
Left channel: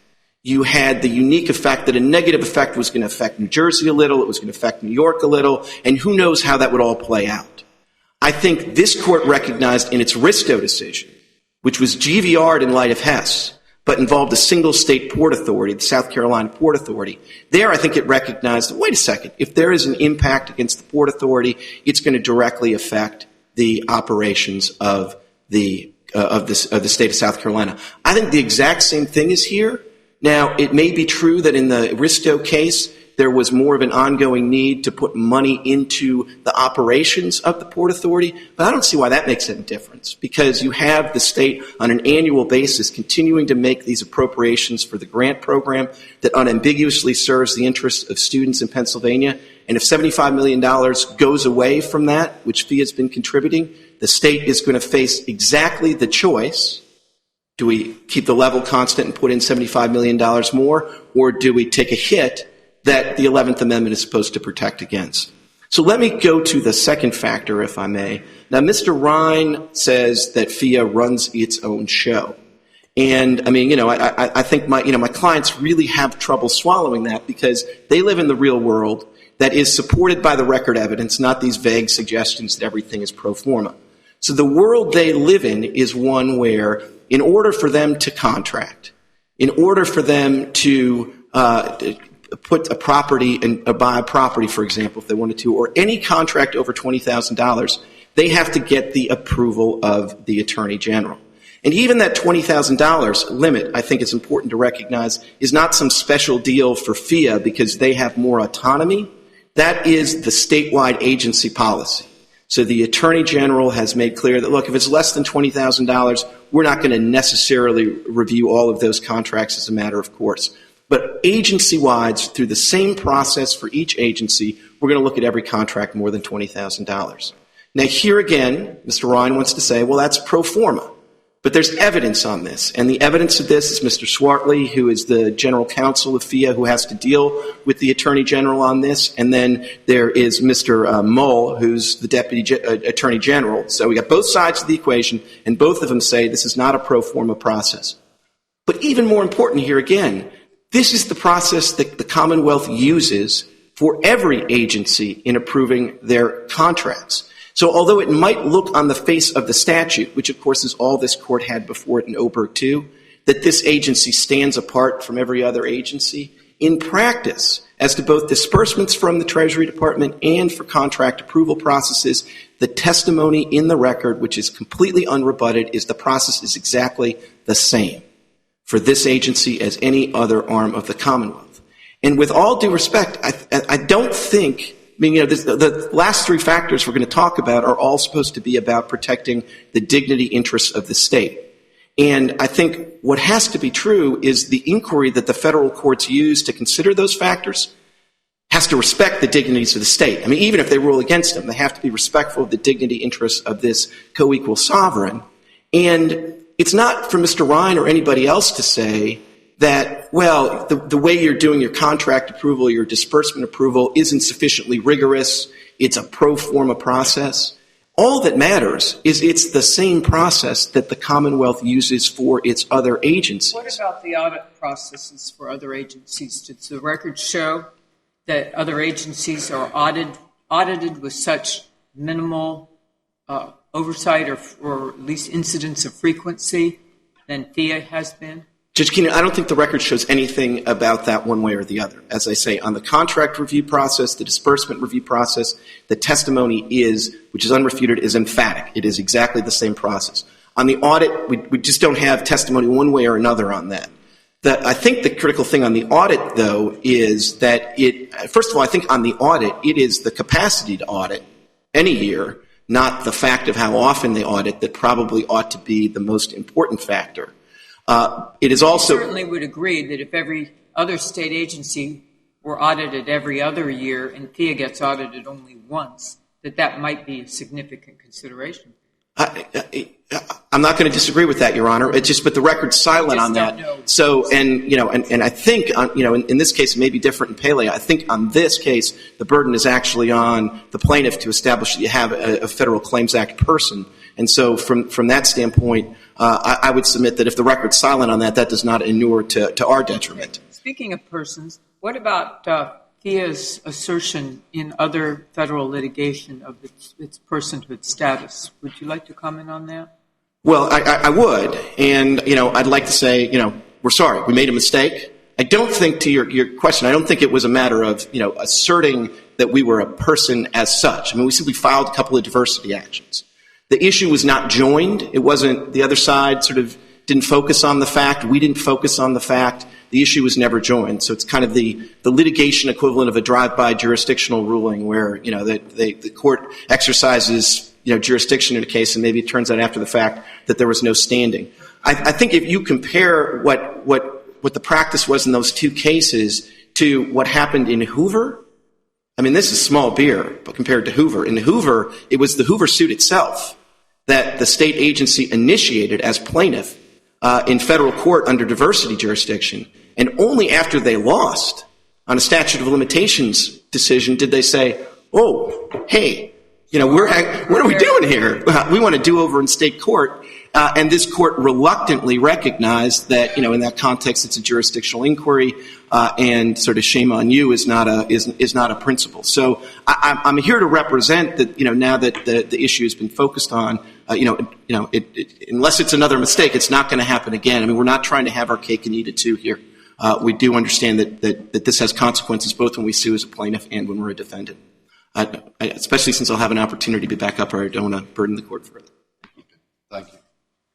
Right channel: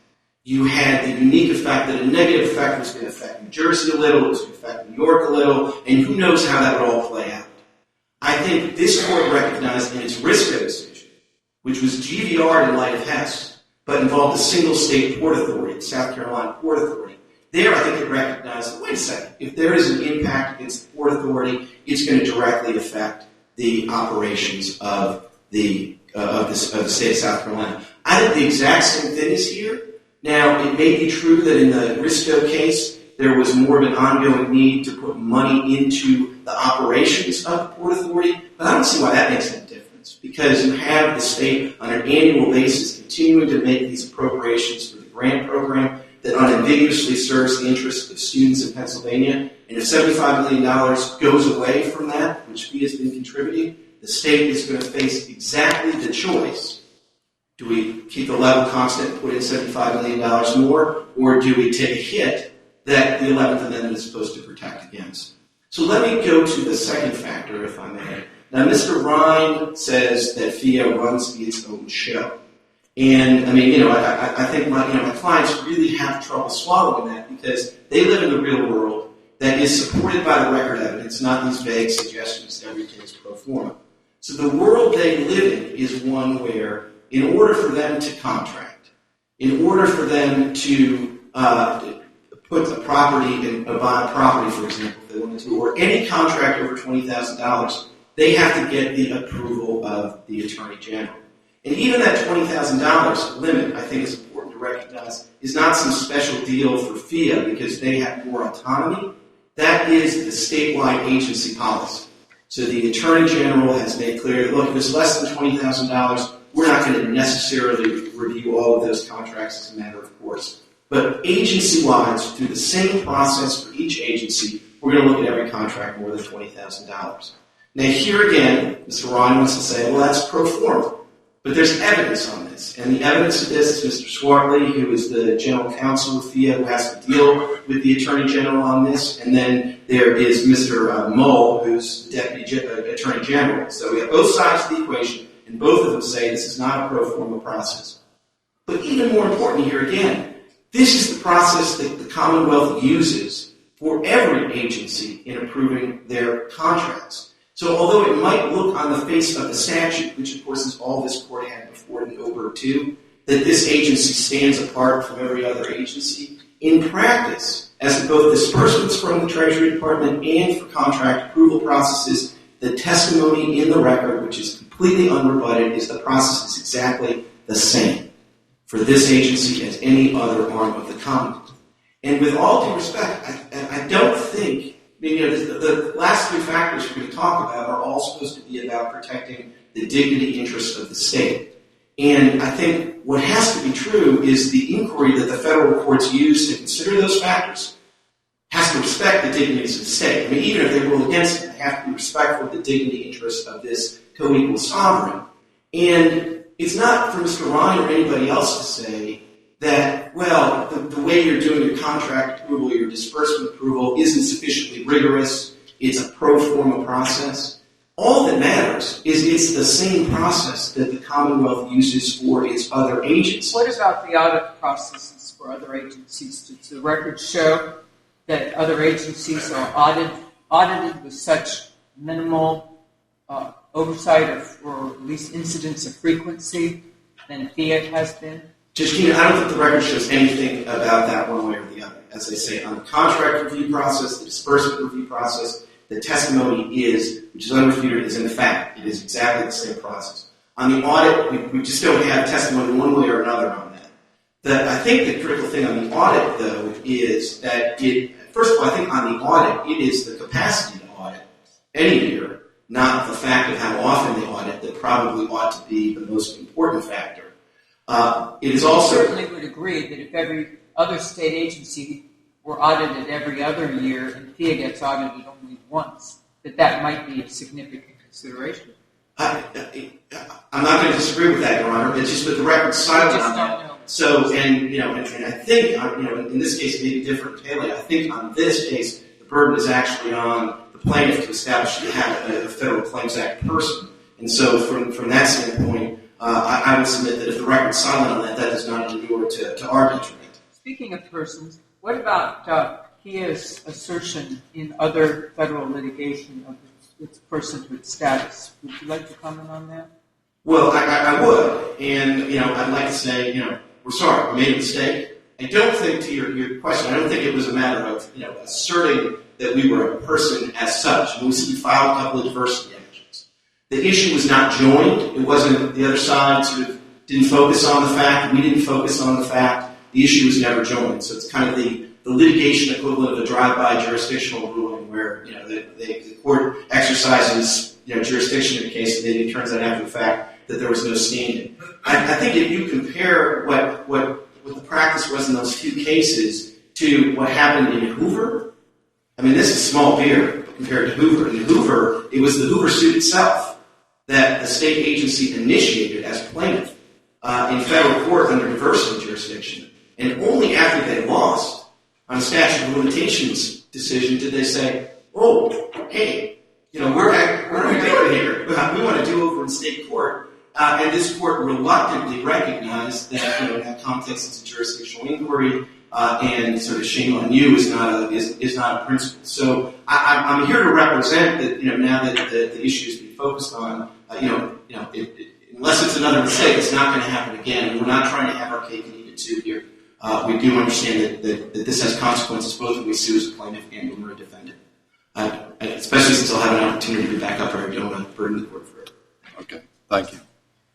you had the unique effect that a negative effect was going to affect New Jersey a little, it was going to affect New York a little, and who knows how that would all play out. I think this court recognized in its Risto decision, which was GVR'd in light of Hess, but involved a single state port authority, the South Carolina Port Authority. There, I think it recognized, wait a second, if there is an impact against the Port Authority, it's going to directly affect the operations of the state of South Carolina. I think the exact same thing is here. Now, it may be true that in the Risto case, there was more of an ongoing need to put money into the operations of the Port Authority, but I don't see why that makes any difference, because you have the state on an annual basis continuing to make these appropriations for the grant program that unambiguously serves the interests of students in Pennsylvania. And if $75 million goes away from that, which FIA has been contributing, the state is going to face exactly the choice. Do we keep the level constant and put in $75 million more, or do we take a hit that the 11th Amendment is supposed to protect against? So let me go to the second factor, if I may. Now, Mr. Ryan says that FIA runs its own show. And, I think my clients really have trouble swallowing that, because they live in the real world that is supported by the record evidence, not these vague suggestions that everything is pro forma. So the world they live in is one where, in order for them to contract, in order for them to put a property and buy a property, for example, if they wanted to, or any contract over $20,000, they have to get the approval of the Attorney General. And even that $20,000 limit, I think it's important to recognize, is not some special deal for FIA because they have more autonomy. That is the statewide agency policy. So the Attorney General has made clear that, look, if it's less than $20,000, we're not going to necessarily review all of those contracts as a matter of course. But agency-wide, through the same process for each agency, we're going to look at every contract more than $20,000. Now, here again, Mr. Ryan wants to say, well, that's pro forma. But there's evidence on this, and the evidence of this is Mr. Swartley, who is the general counsel of FIA, who has to deal with the attorney general on this, and then there is Mr. Mull, who's the deputy attorney general. So we got both sides of the equation, and both of them say this is not a pro forma process. But even more important here again, this is the process that the Commonwealth uses for every agency in approving their contracts. So although it might look on the face of the statute, which of course is all this court had before it in Oberg too, that this agency stands apart from every other agency, in practice, as to both disbursements from the Treasury Department and for contract approval processes, the testimony in the record, which is completely unrebutted, is the process is exactly the same for this agency as any other arm of the Commonwealth. And with all due respect, I don't think, the last three factors we're going to talk about are all supposed to be about protecting the dignity interests of the state. And I think what has to be true is the inquiry that the federal courts use to consider those factors has to respect the dignities of the state. I mean, even if they rule against them, they have to be respectful of the dignity interests of this co-equal sovereign. And it's not for Mr. Ryan or anybody else to say that, well, the way you're doing your contract approval, your disbursement approval isn't sufficiently rigorous, it's a pro forma process. All that matters is it's the same process that the Commonwealth uses for its other agencies. What about the audit processes for other agencies? Does the record show that other agencies are audited with such minimal oversight or at least incidents of frequency than FIA has been? Judge Keenan, I don't think the record shows anything about that one way or the other. As I say, on the contract review process, the disbursement review process, the testimony is, which is unrefuted, is emphatic. It is exactly the same process. On the audit, we just don't have testimony one way or another on that. I think the critical thing on the audit, though, is that first of all, I think on the audit, it is the capacity to audit any year, not the fact of how often they audit, that probably ought to be the most important factor. It is also... I certainly would agree that if every other state agency were audited every other year and FIA gets audited only once, that might be a significant consideration. I'm not going to disagree with that, Your Honor. It's just, but the record's silent on that. Know. So, and I think, in this case, it may be different in Pele. I think on this case, the burden is actually on the plaintiff to establish that you have a Federal Claims Act person. And so from that standpoint, I would submit that if the record's silent on that, that does not inure to our detriment. Speaking of persons, what about FIA's assertion in other federal litigation of its personhood status? Would you like to comment on that? Well, I would. And, I'd like to say, we're sorry. We made a mistake. I don't think, to your question, I don't think it was a matter of, asserting that we were a person as such. I mean, we simply filed a couple of diversity actions. The issue was not joined. It wasn't, the other side sort of didn't focus on the fact. We didn't focus on the fact. The issue was never joined. So it's kind of the litigation equivalent of a drive-by jurisdictional ruling where, the court exercises, jurisdiction in a case and maybe it turns out after the fact that there was no standing. I think if you compare what the practice was in those two cases to what happened in Hoover, I mean, this is small beer, but compared to Hoover. In Hoover, it was the Hoover suit itself that the state agency initiated as plaintiff in federal court under diversity jurisdiction. And only after they lost on a statute of limitations decision did they say, oh, hey, what are we doing here? We want to do over in state court. And this court reluctantly recognized that, in that context, it's a jurisdictional inquiry, and sort of shame on you is not a principle. So I'm here to represent that, now that the issue has been focused on, unless it's another mistake, it's not going to happen again. I mean, we're not trying to have our cake and eat it too here. We do understand that this has consequences both when we sue as a plaintiff and when we're a defendant. Especially since I'll have an opportunity to be back up here, I don't want to burden the court for it. Okay, thank you.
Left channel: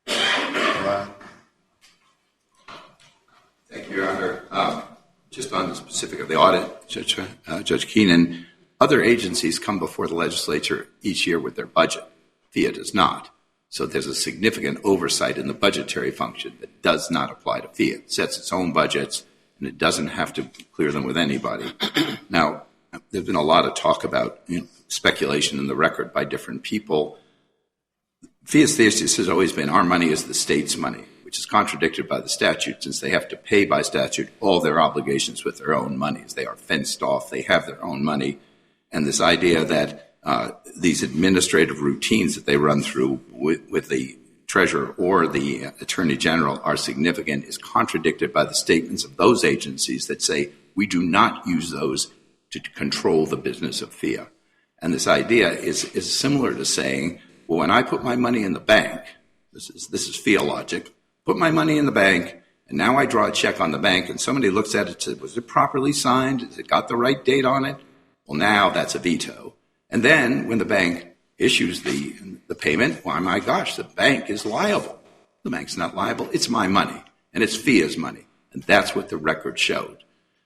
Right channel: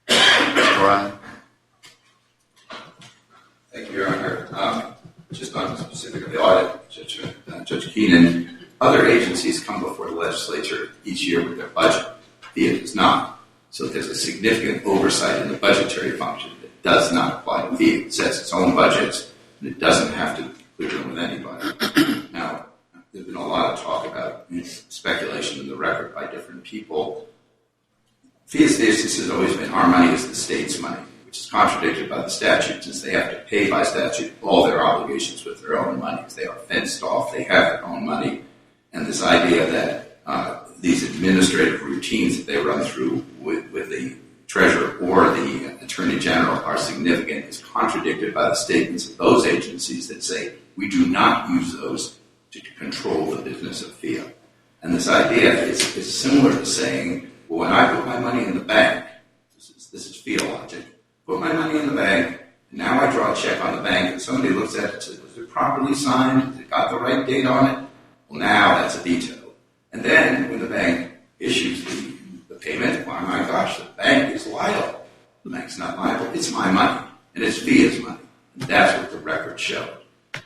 Mr. Ryan. Thank you, Your Honor. Just on specific of the audit, Judge Keenan, other agencies come before the legislature each year with their budget. FIA does not. So there's a significant oversight in the budgetary function that does not apply to FIA. It sets its own budgets, and it doesn't have to clear them with anybody. Now, there's been a lot of talk about speculation in the record by different people. FIA's thesis has always been our money is the state's money, which is contradicted by the statute, since they have to pay by statute all their obligations with their own monies. They are fenced off. They have their own money. And this idea that these administrative routines that they run through with the treasurer or the attorney general are significant is contradicted by the statements of those agencies that say we do not use those to control the business of FIA. And this idea is similar to saying, well, when I put my money in the bank, this is FIA logic, put my money in the bank, and now I draw a check on the bank, and somebody looks at it and says, was it properly signed? Has it got the right date on it? Well, now that's a veto. And then when the bank issues the payment, why, my gosh, the bank is liable. The bank's not liable. It's my money, and it's FIA's money. And that's what the record showed.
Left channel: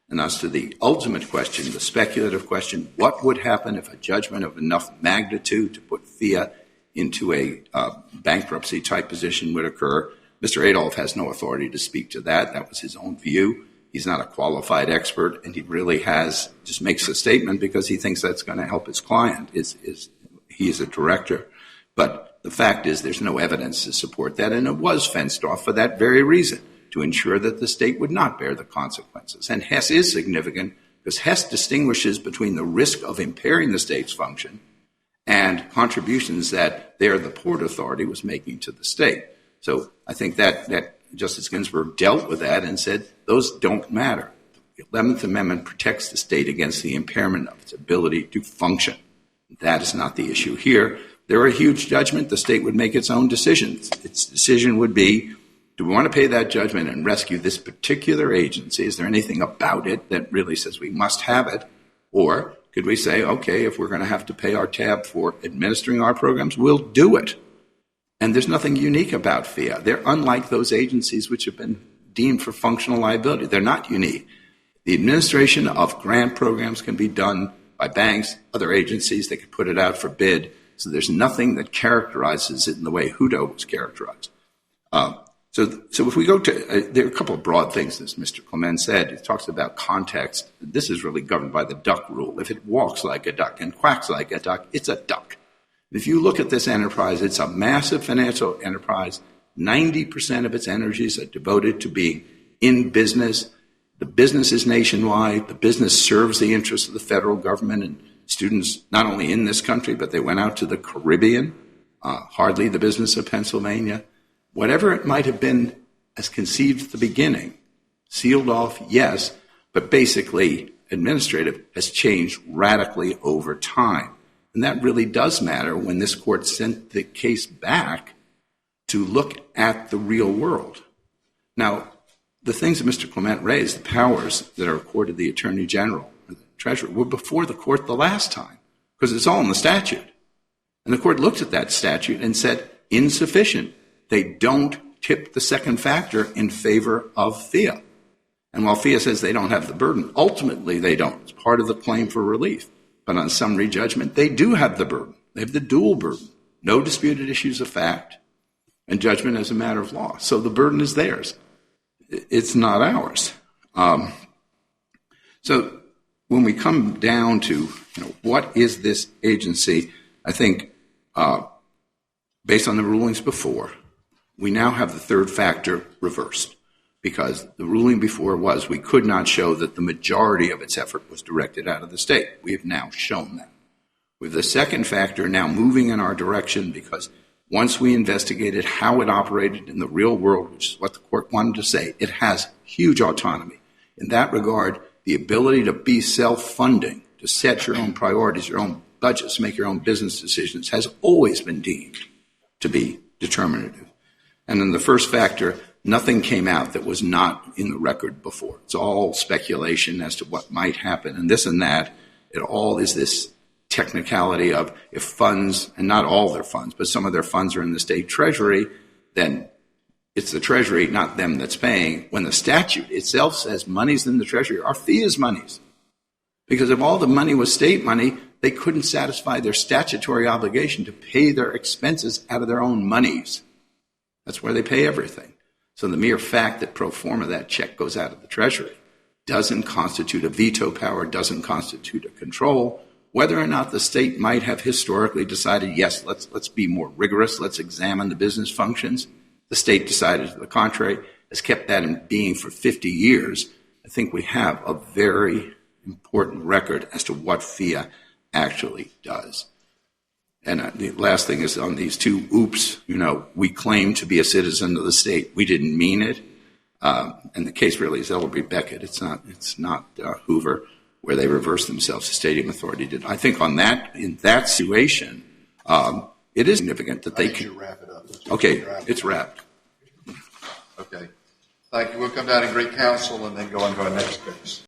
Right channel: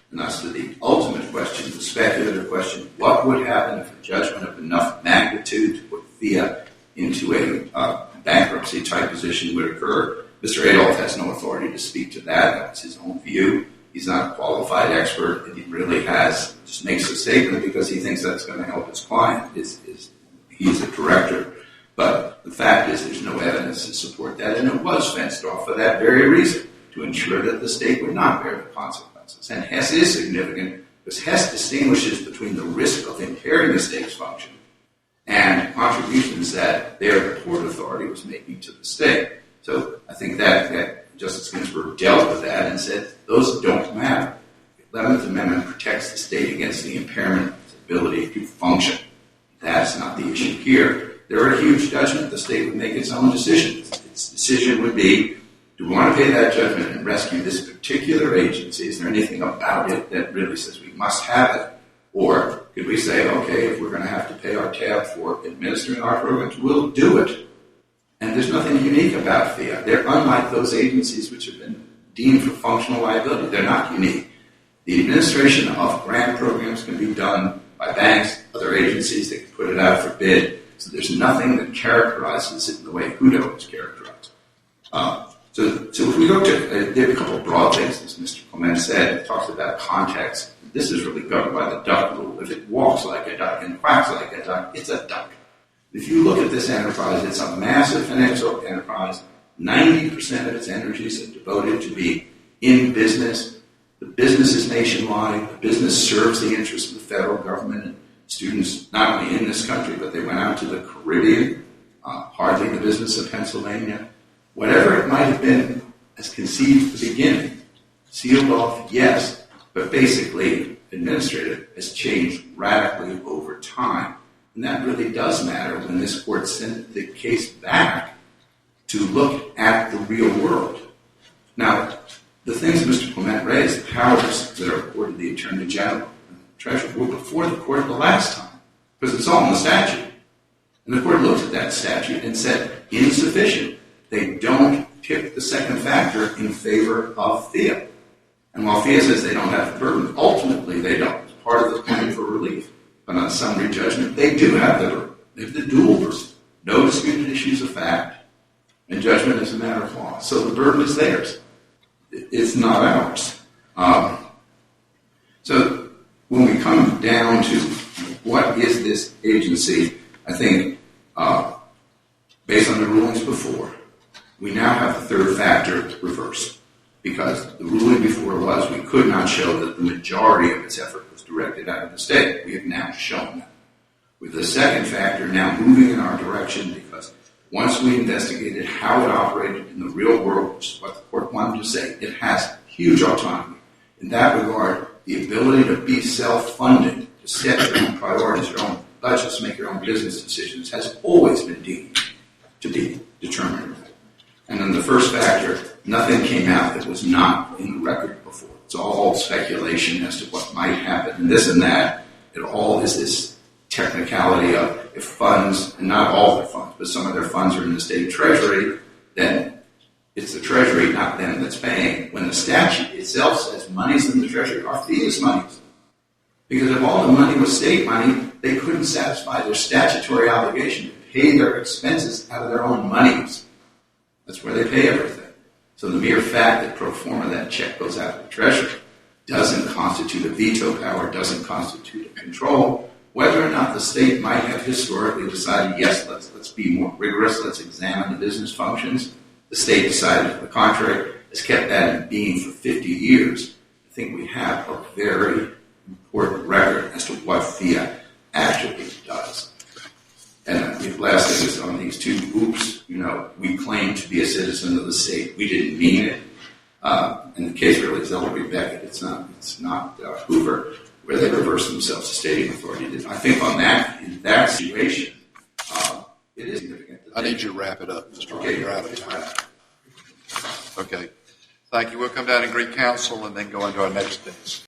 And as to the ultimate question, the speculative question, what would happen if a judgment of enough magnitude to put FIA into a bankruptcy-type position would occur? Mr. Adolph has no authority to speak to that. That was his own view. He's not a qualified expert, and he really just makes a statement because he thinks that's going to help his client. He's a director. But the fact is there's no evidence to support that, and it was fenced off for that very reason, to ensure that the state would not bear the consequences. And Hess is significant because Hess distinguishes between the risk of impairing the state's function and contributions that the Port Authority was making to the state. So I think that Justice Ginsburg dealt with that and said those don't matter. The 11th Amendment protects the state against the impairment of its ability to function. That is not the issue here. They're a huge judgment. The state would make its own decisions. Its decision would be, do we want to pay that judgment and rescue this particular agency? Is there anything about it that really says we must have it? Or could we say, okay, if we're going to have to pay our tab for administering our programs, we'll do it. And there's nothing unique about FIA. They're unlike those agencies which have been deemed for functional liability. They're not unique. The administration of grant programs can be done by banks, other agencies. They can put it out for bid. So there's nothing that characterizes it in the way Hutto is characterized. So if we go to, there are a couple of broad things, as Mr. Clement said. It talks about context. This is really governed by the duck rule. If it walks like a duck and quacks like a duck, it's a duck. If you look at this enterprise, it's a massive financial enterprise. 90% of its energies are devoted to being in business. The business is nationwide. The business serves the interests of the federal government and students not only in this country, but they went out to the Caribbean, hardly the business of Pennsylvania. Whatever it might have been as conceived at the beginning, sealed off, yes, but basically administrative has changed radically over time. And that really does matter when this court sent the case back to look at the real world. Now, the things that Mr. Clement raised, the powers that are accorded the Attorney General and the Treasurer, were before the court the last time, because it's all in the statute. And the court looked at that statute and said, insufficient. They don't tip the second factor in favor of FIA. And while FIA says they don't have the burden, ultimately they don't. It's part of the claim for relief. But on summary judgment, they do have the burden. They have the dual burden. No disputed issues of fact, and judgment as a matter of law. So the burden is theirs. It's not ours. So when we come down to what is this agency, I think based on the rulings before, we now have the third factor reversed, because the ruling before was we could not show that the majority of its effort was directed out of the state. We have now shown that. With the second factor now moving in our direction, because once we investigated how it operated in the real world, which is what the court wanted to say, it has huge autonomy. In that regard, the ability to be self-funding, to set your own priorities, your own budgets, make your own business decisions, has always been deemed to be determinative. And then the first factor, nothing came out that was not in the record before. It's all speculation as to what might happen, and this and that. It all is this technicality of if funds, and not all their funds, but some of their funds are in the state treasury, then it's the treasury, not them, that's paying. When the statute itself says money's in the treasury, our fee is monies. Because if all the money was state money, they couldn't satisfy their statutory obligation to pay their expenses out of their own monies. That's where they pay everything. So the mere fact that pro forma that check goes out of the treasury doesn't constitute a veto power, doesn't constitute a control. Whether or not the state might have historically decided, yes, let's be more rigorous, let's examine the business functions. The state decided to the contrary, has kept that in being for 50 years. I think we have a very important record as to what FIA actually does. And the last thing is on these two oops, we claim to be a citizen of the state. We didn't mean it. And the case really is Ellery Beckett. It's not Hoover, where they reversed themselves. The stadium authority did. I think in that situation, it is significant that they I need you to wrap it up. Okay, it's wrapped. Okay. Thank you. We'll come down and greet counsel and then go into our next case.